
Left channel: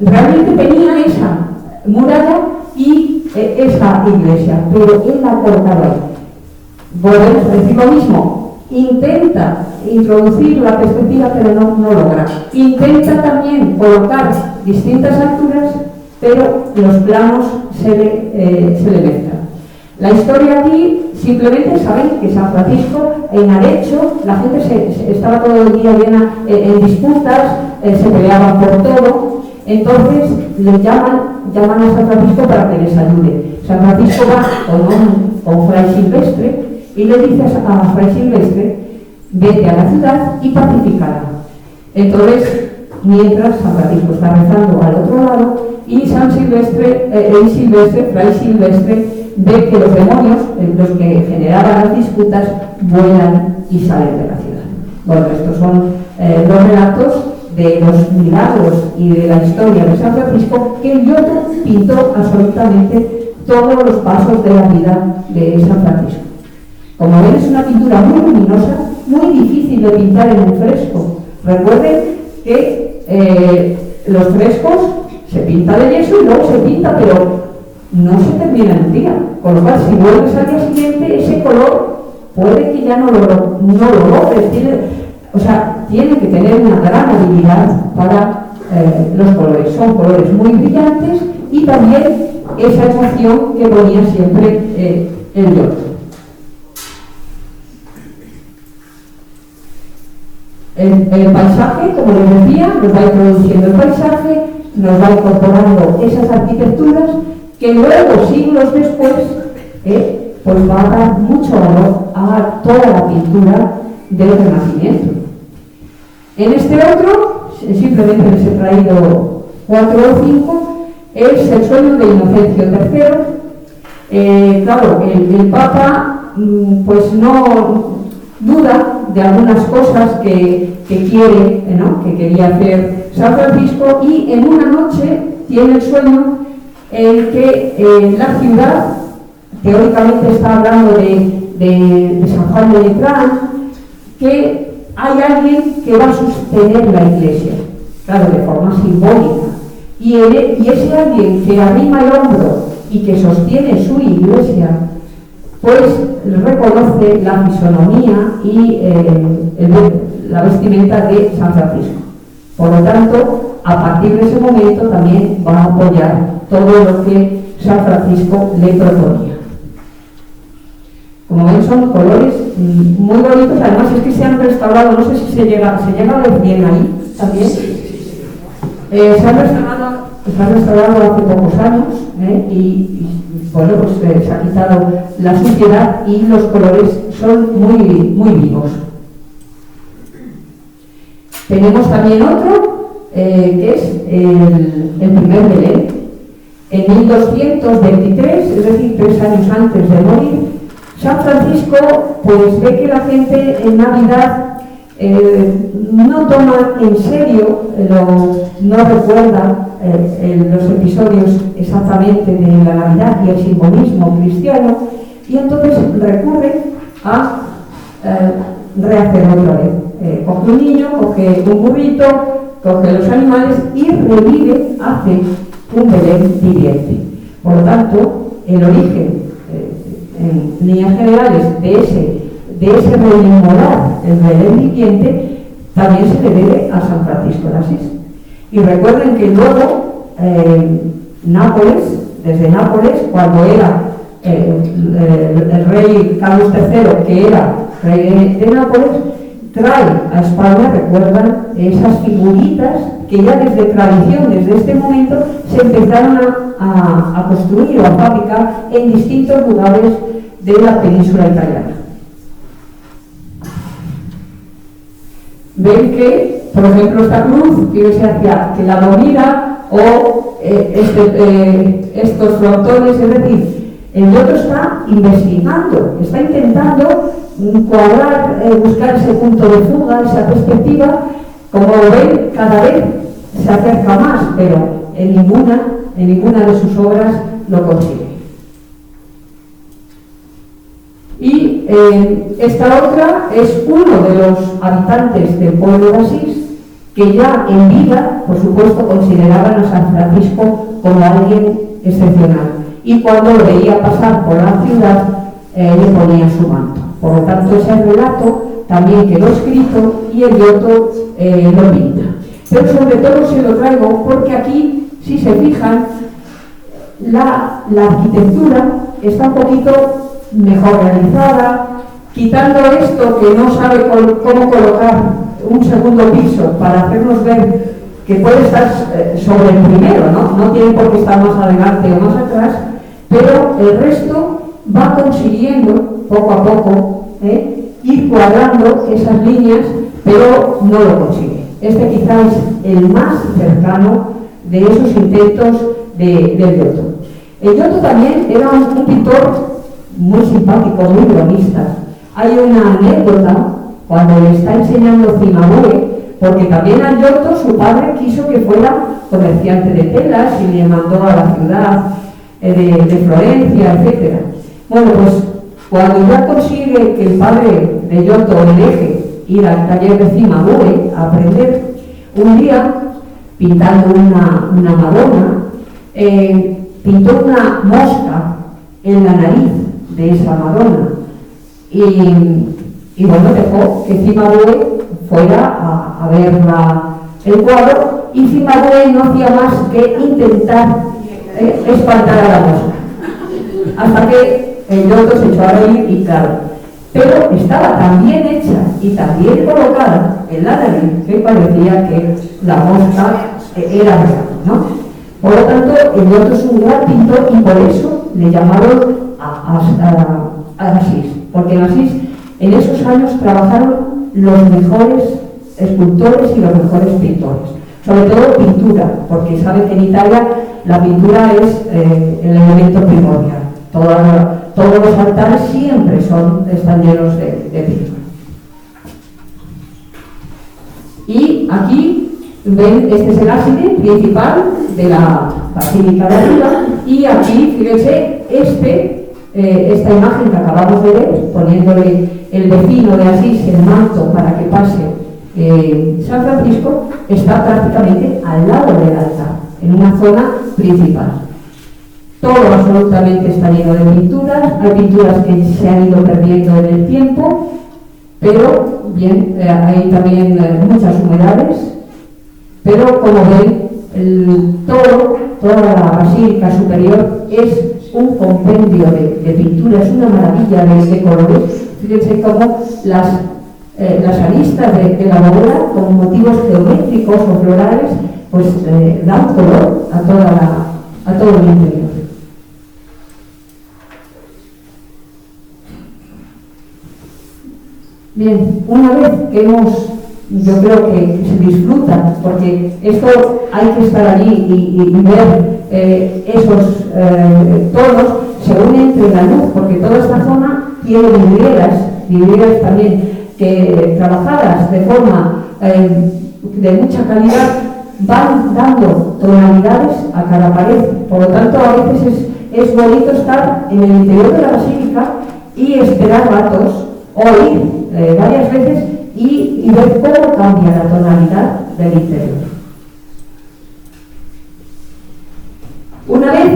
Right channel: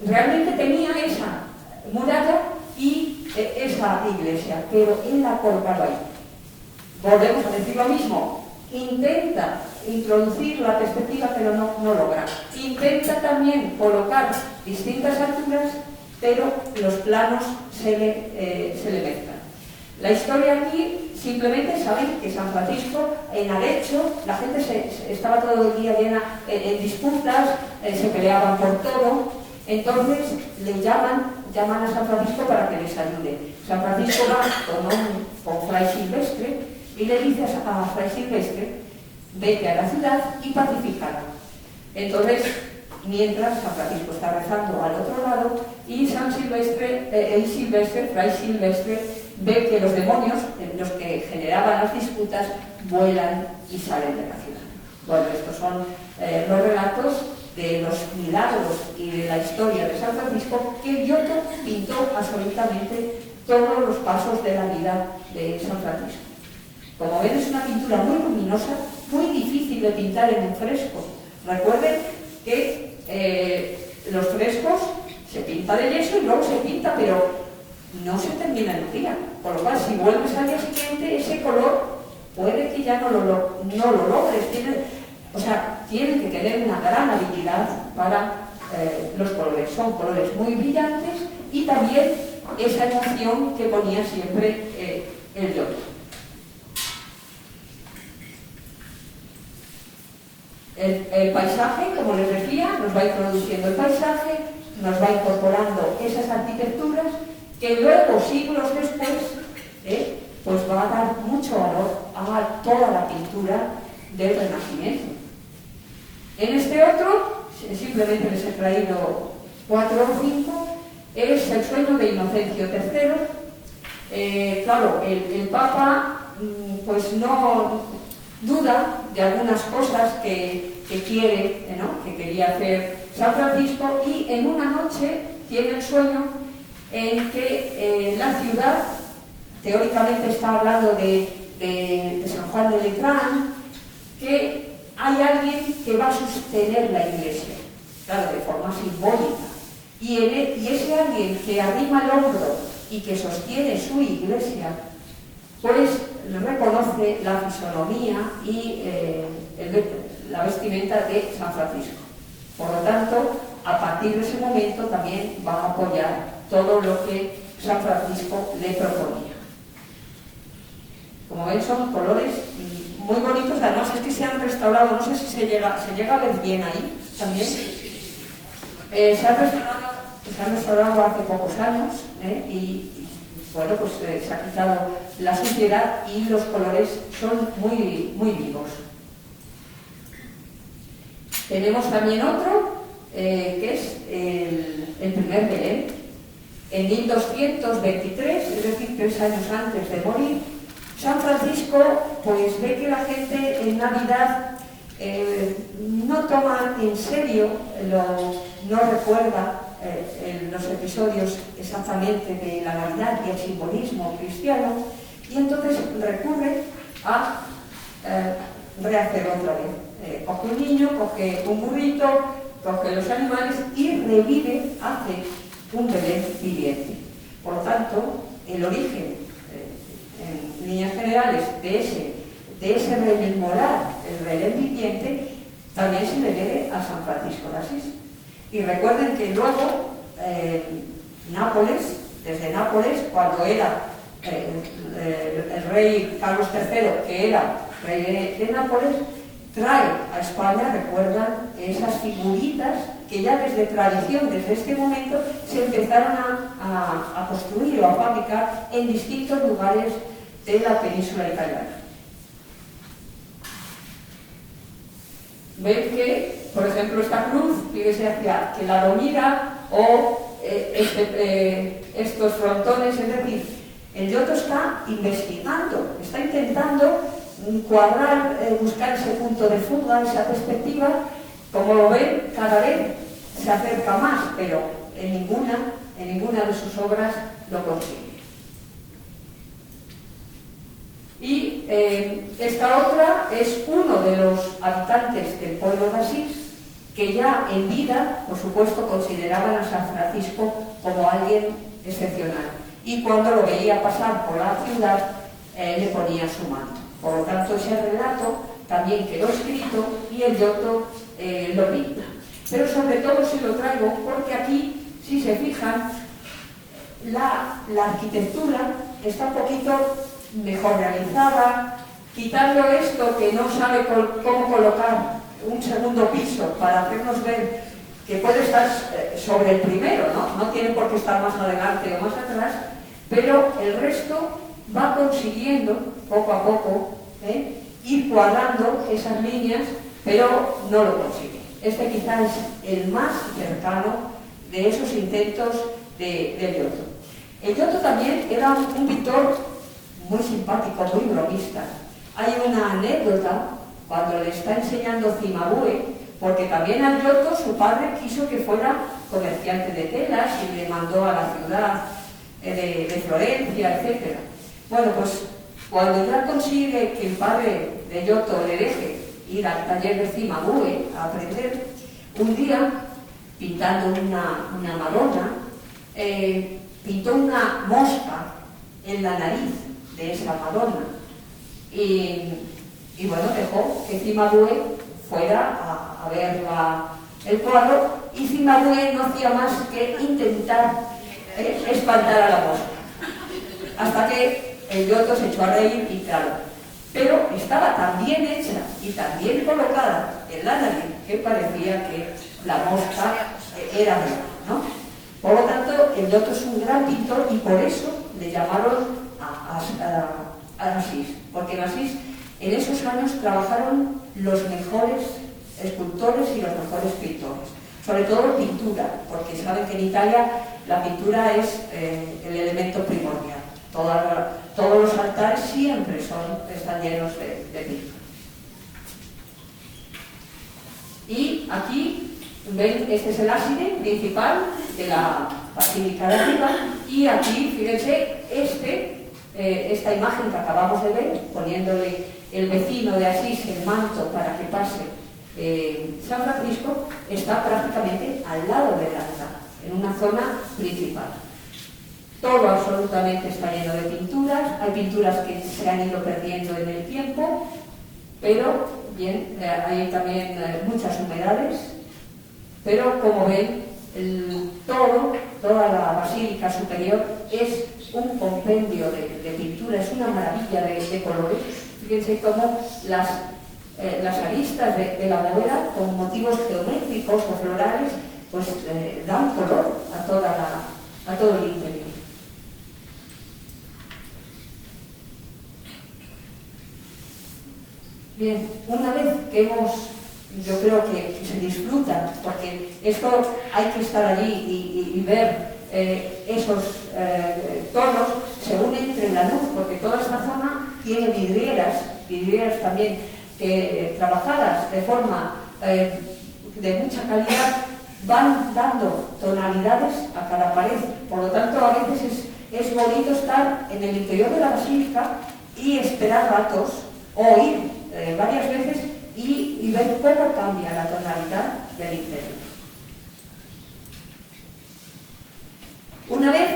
realmente tenía esa muralla y esa iglesia, pero él la ha colocado ahí. Volvemos a decir lo mismo, intenta introducir la perspectiva, pero no logra. Intenta también colocar distintas alturas, pero los planos se le mezclan. La historia aquí, simplemente saben que San Francisco, en Arezzo, la gente estaba todo el día llena en disputas, se peleaban por todo. Entonces le llaman a San Francisco para que les ayude. San Francisco va con Fray Silvestre y le dice a Fray Silvestre: vete a la ciudad y pacifícala. Entonces, mientras San Francisco está rezando al otro lado, y Fray Silvestre ve que los demonios, los que generaban las disputas, vuelan y salen de la ciudad. Bueno, estos son los relatos de los milagros y de la historia de San Francisco, que el Giotto pintó absolutamente todos los pasos de la vida de San Francisco. Como ven, es una pintura muy luminosa, muy difícil de pintar en un fresco. Recuerden que los frescos se pinta de yeso y luego se pinta, pero no se termina en un día. Con lo cual, si vuelves al día siguiente, ese color puede que ya no lo logres. Tiene que tener una gran habilidad para los colores. Son colores muy brillantes, y también esa emoción que ponía siempre el Giotto. El paisaje, como les decía, nos va introduciendo el paisaje, nos va incorporando esas arquitecturas que luego, siglos después, pues va a dar mucho valor a toda la pintura del Renacimiento. En este otro, simplemente les he traído 4 o 5, es el sueño de Inocencio III. Claro, el Papa pues no duda de algunas cosas que quiere, ¿no?, que quería hacer San Francisco, y en una noche tiene el sueño en que la ciudad, teóricamente está hablando de San Juan de Letrán, que hay alguien que va a sostener la iglesia, claro, de forma simbólica, y ese alguien que arrima el hombro y que sostiene su iglesia, pues reconoce la fisonomía y la vestimenta de San Francisco. Por lo tanto, a partir de ese momento también va a apoyar todo lo que San Francisco le proponía. Como ven, son colores muy bonitos, además es que se han restaurado, no sé si se llega a ver bien ahí también. Se han restaurado hace pocos años, y bueno, pues se ha quitado la suciedad y los colores son muy vivos. Tenemos también otro, que es el primer Belén. En 1223, es decir, 3 años antes de morir, San Francisco pues ve que la gente en Navidad no toma en serio, no recuerda los episodios exactamente de la Navidad y el simbolismo cristiano, y entonces recurre a rehacer otra vez. Coge un niño, coge un burrito, coge los animales y revive, hace un Belén viviente. Por lo tanto, el origen, en líneas generales, de ese rememorar el Belén viviente, también se le debe a San Francisco de Asís. Y recuerden que luego Nápoles, desde Nápoles, cuando era el rey Carlos III, que era rey de Nápoles, trae a España, recuerdan, esas figuritas que ya desde tradición, desde este momento, se empezaron a construir o a fabricar en distintos lugares de la península italiana. Ven que, por ejemplo, esta cruz, fíjense hacia que la dormida o estos frontones, es decir, el Giotto está investigando, está intentando cuadrar, buscar ese punto de fuga, esa perspectiva. Como ven, cada vez se acerca más, pero en ninguna de sus obras lo consigue. Y esta otra es uno de los habitantes del pueblo de Asís, que ya en vida, por supuesto, consideraban a San Francisco como alguien excepcional. Y cuando lo veía pasar por la ciudad, le ponía su manto. Por lo tanto, ese relato también quedó escrito y el Giotto lo pinta. Pero sobre todo se lo traigo porque aquí, si se fijan, la arquitectura está un poquito mejor realizada, quitando esto que no sabe cómo colocar un segundo piso para hacernos ver que puede estar sobre el primero, no tiene por qué estar más adelante o más atrás, pero el resto va consiguiendo poco a poco ir cuadrando esas líneas, pero no lo consigue. Este quizás es el más cercano de esos intentos del Giotto. El Giotto también era un pintor muy simpático, muy bromista. Hay una anécdota cuando le está enseñando Cimabue, porque también a Giotto su padre quiso que fuera comerciante de telas y le mandó a la ciudad de Florencia, etc. Bueno, pues cuando ya consigue que el padre de Giotto le deje ir al taller de Cimabue a aprender, un día, pintando una Madonna, pintó una mosca en la nariz de esa Madonna y bueno, dejó que Cimabue fuera a ver el cuadro, y Cimabue no hacía más que intentar espantar a la mosca, hasta que el Giotto se echó a reír y claro, pero estaba tan bien hecha y tan bien colocada en la nariz que parecía que la mosca era real, ¿no? Por lo tanto, el Giotto es un gran pintor y por eso le llamaron a Asís, porque en Asís en esos años trabajaron los mejores escultores y los mejores pintores, sobre todo pintura, porque sabe que en Italia la pintura es el elemento primordial. Todos los altares siempre están llenos de pintura. Y aquí ven, este es el ábside principal de la basílica de arriba, y aquí, fíjense, esta imagen que acabamos de ver, poniéndole el vecino de Asís el manto para que pase San Francisco, está prácticamente al lado del altar, en una zona principal. Todo absolutamente está lleno de pinturas, hay pinturas que se han ido perdiendo en el tiempo, pero bien, hay también muchas humedades, pero como ven, toda la basílica superior es un compendio de pinturas, una maravilla de colores. Fíjense cómo las aristas de la bóveda, con motivos geométricos o florales, pues dan color a todo el interior. Bien, una vez que yo creo que se disfruta, porque esto hay que estar allí y ver esos tonos, se une entre la luz, porque toda esta zona tiene vidrieras también, que trabajadas de forma de mucha calidad van dando tonalidades a cada pared. Por lo tanto, a veces es bonito estar en el interior de la basílica y esperar ratos, o ir varias veces y ver cómo cambia la tonalidad del interior. Una vez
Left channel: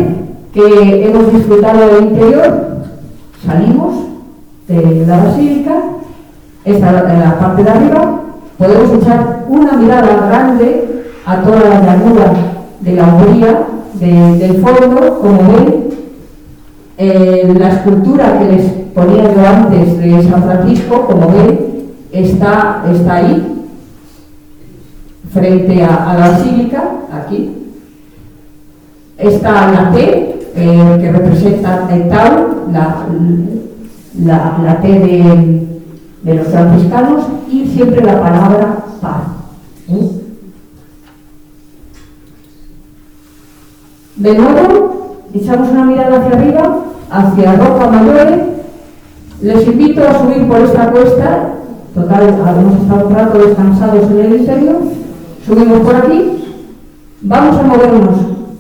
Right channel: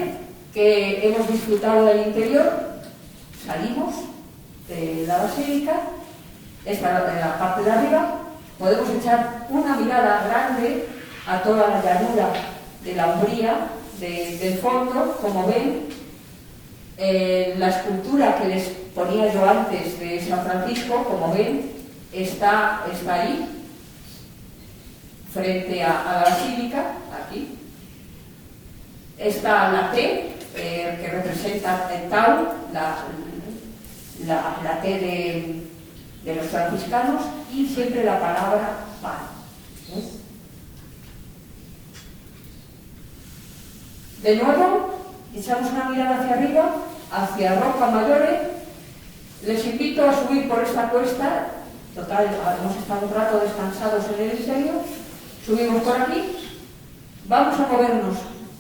que hemos disfrutado del interior, salimos de la basílica, esta la parte de arriba, podemos echar una mirada grande a toda la llanura de la Umbría, del fondo, como ven, la escultura que les ponía yo antes de San Francisco, como ven, está ahí, frente a la basílica, aquí. Está la T, que representa el Tau, la T de los franciscanos, y siempre la palabra paz. De nuevo, echamos una mirada hacia arriba, hacia Rocca Maggiore. Les invito a subir por esta cuesta. Total, hemos estado un rato descansados en el interior. Subimos por aquí. Vamos a movernos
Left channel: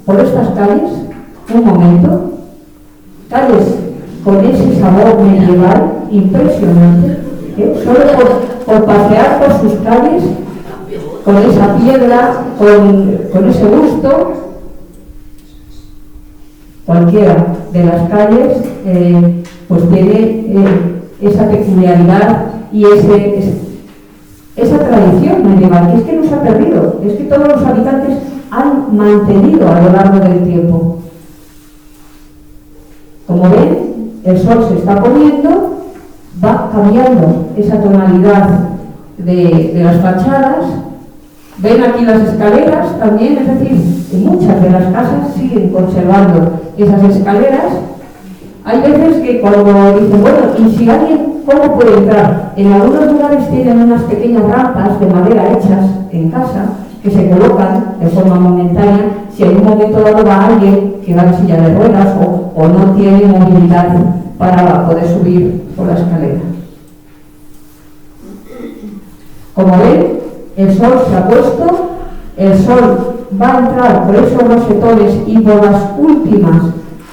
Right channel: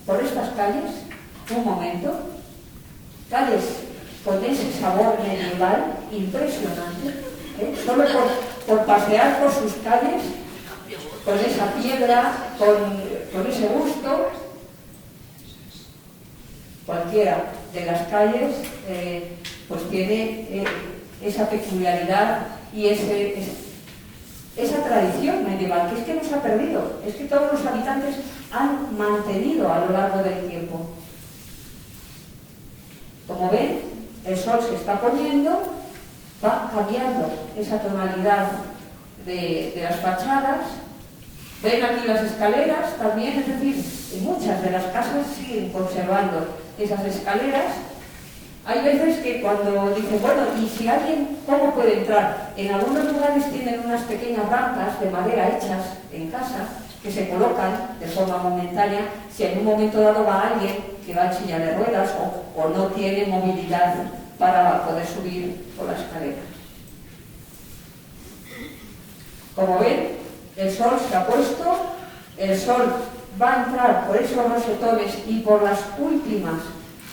por estas calles, un momento. Calles con ese sabor medieval impresionante, solo por pasear por sus calles, con esa piedra, con ese gusto. Cualquiera de las calles pues tiene esa peculiaridad y esa tradición medieval, que es que no se ha perdido, es que todos los habitantes han mantenido a lo largo del tiempo. Como ven, el sol se está poniendo, va cambiando esa tonalidad de las fachadas. Ven aquí las escaleras también, es decir, muchas de las casas siguen conservando esas escaleras. Hay veces que cuando dicen, bueno, y si alguien, ¿cómo puede entrar? En algunos lugares tienen unas pequeñas rampas de madera hechas en casa, que se colocan de forma momentánea, si en un momento dado va alguien que va en silla de ruedas o no tiene movilidad para poder subir por la escalera. Como ven, el sol se ha puesto, el sol va a entrar por esos rosetones y por las últimas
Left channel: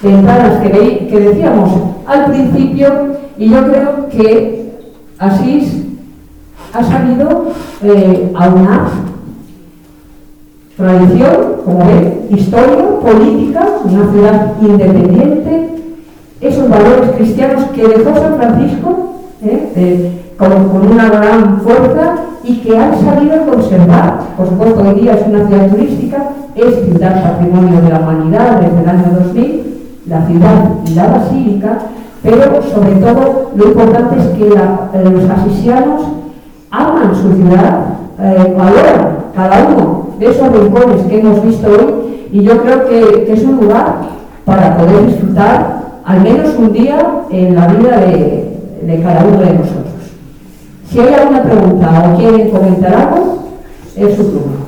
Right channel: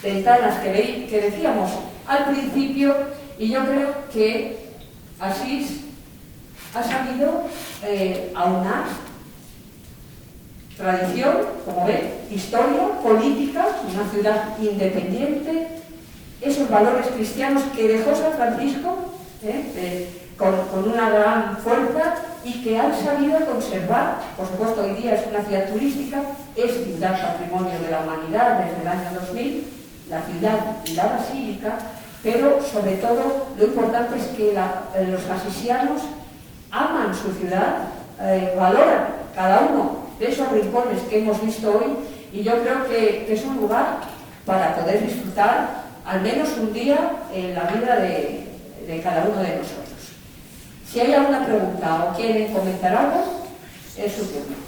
ventanas que decíamos al principio, y yo creo que Asís ha sabido aunar tradición, como ven, historia, política, una ciudad independiente, esos valores cristianos que dejó San Francisco con una gran fuerza y que han sabido conservar. Por supuesto, hoy día es una ciudad turística, es ciudad patrimonio de la humanidad desde el año 2000, la ciudad y la basílica, pero sobre todo lo importante es que los asisianos aman su ciudad, valoran cada uno de esos rincones que hemos visto hoy, y yo creo que es un lugar para poder disfrutar al menos un día en la vida de cada uno de nosotros. Si hay alguna pregunta o quieren comentar algo, es su turno.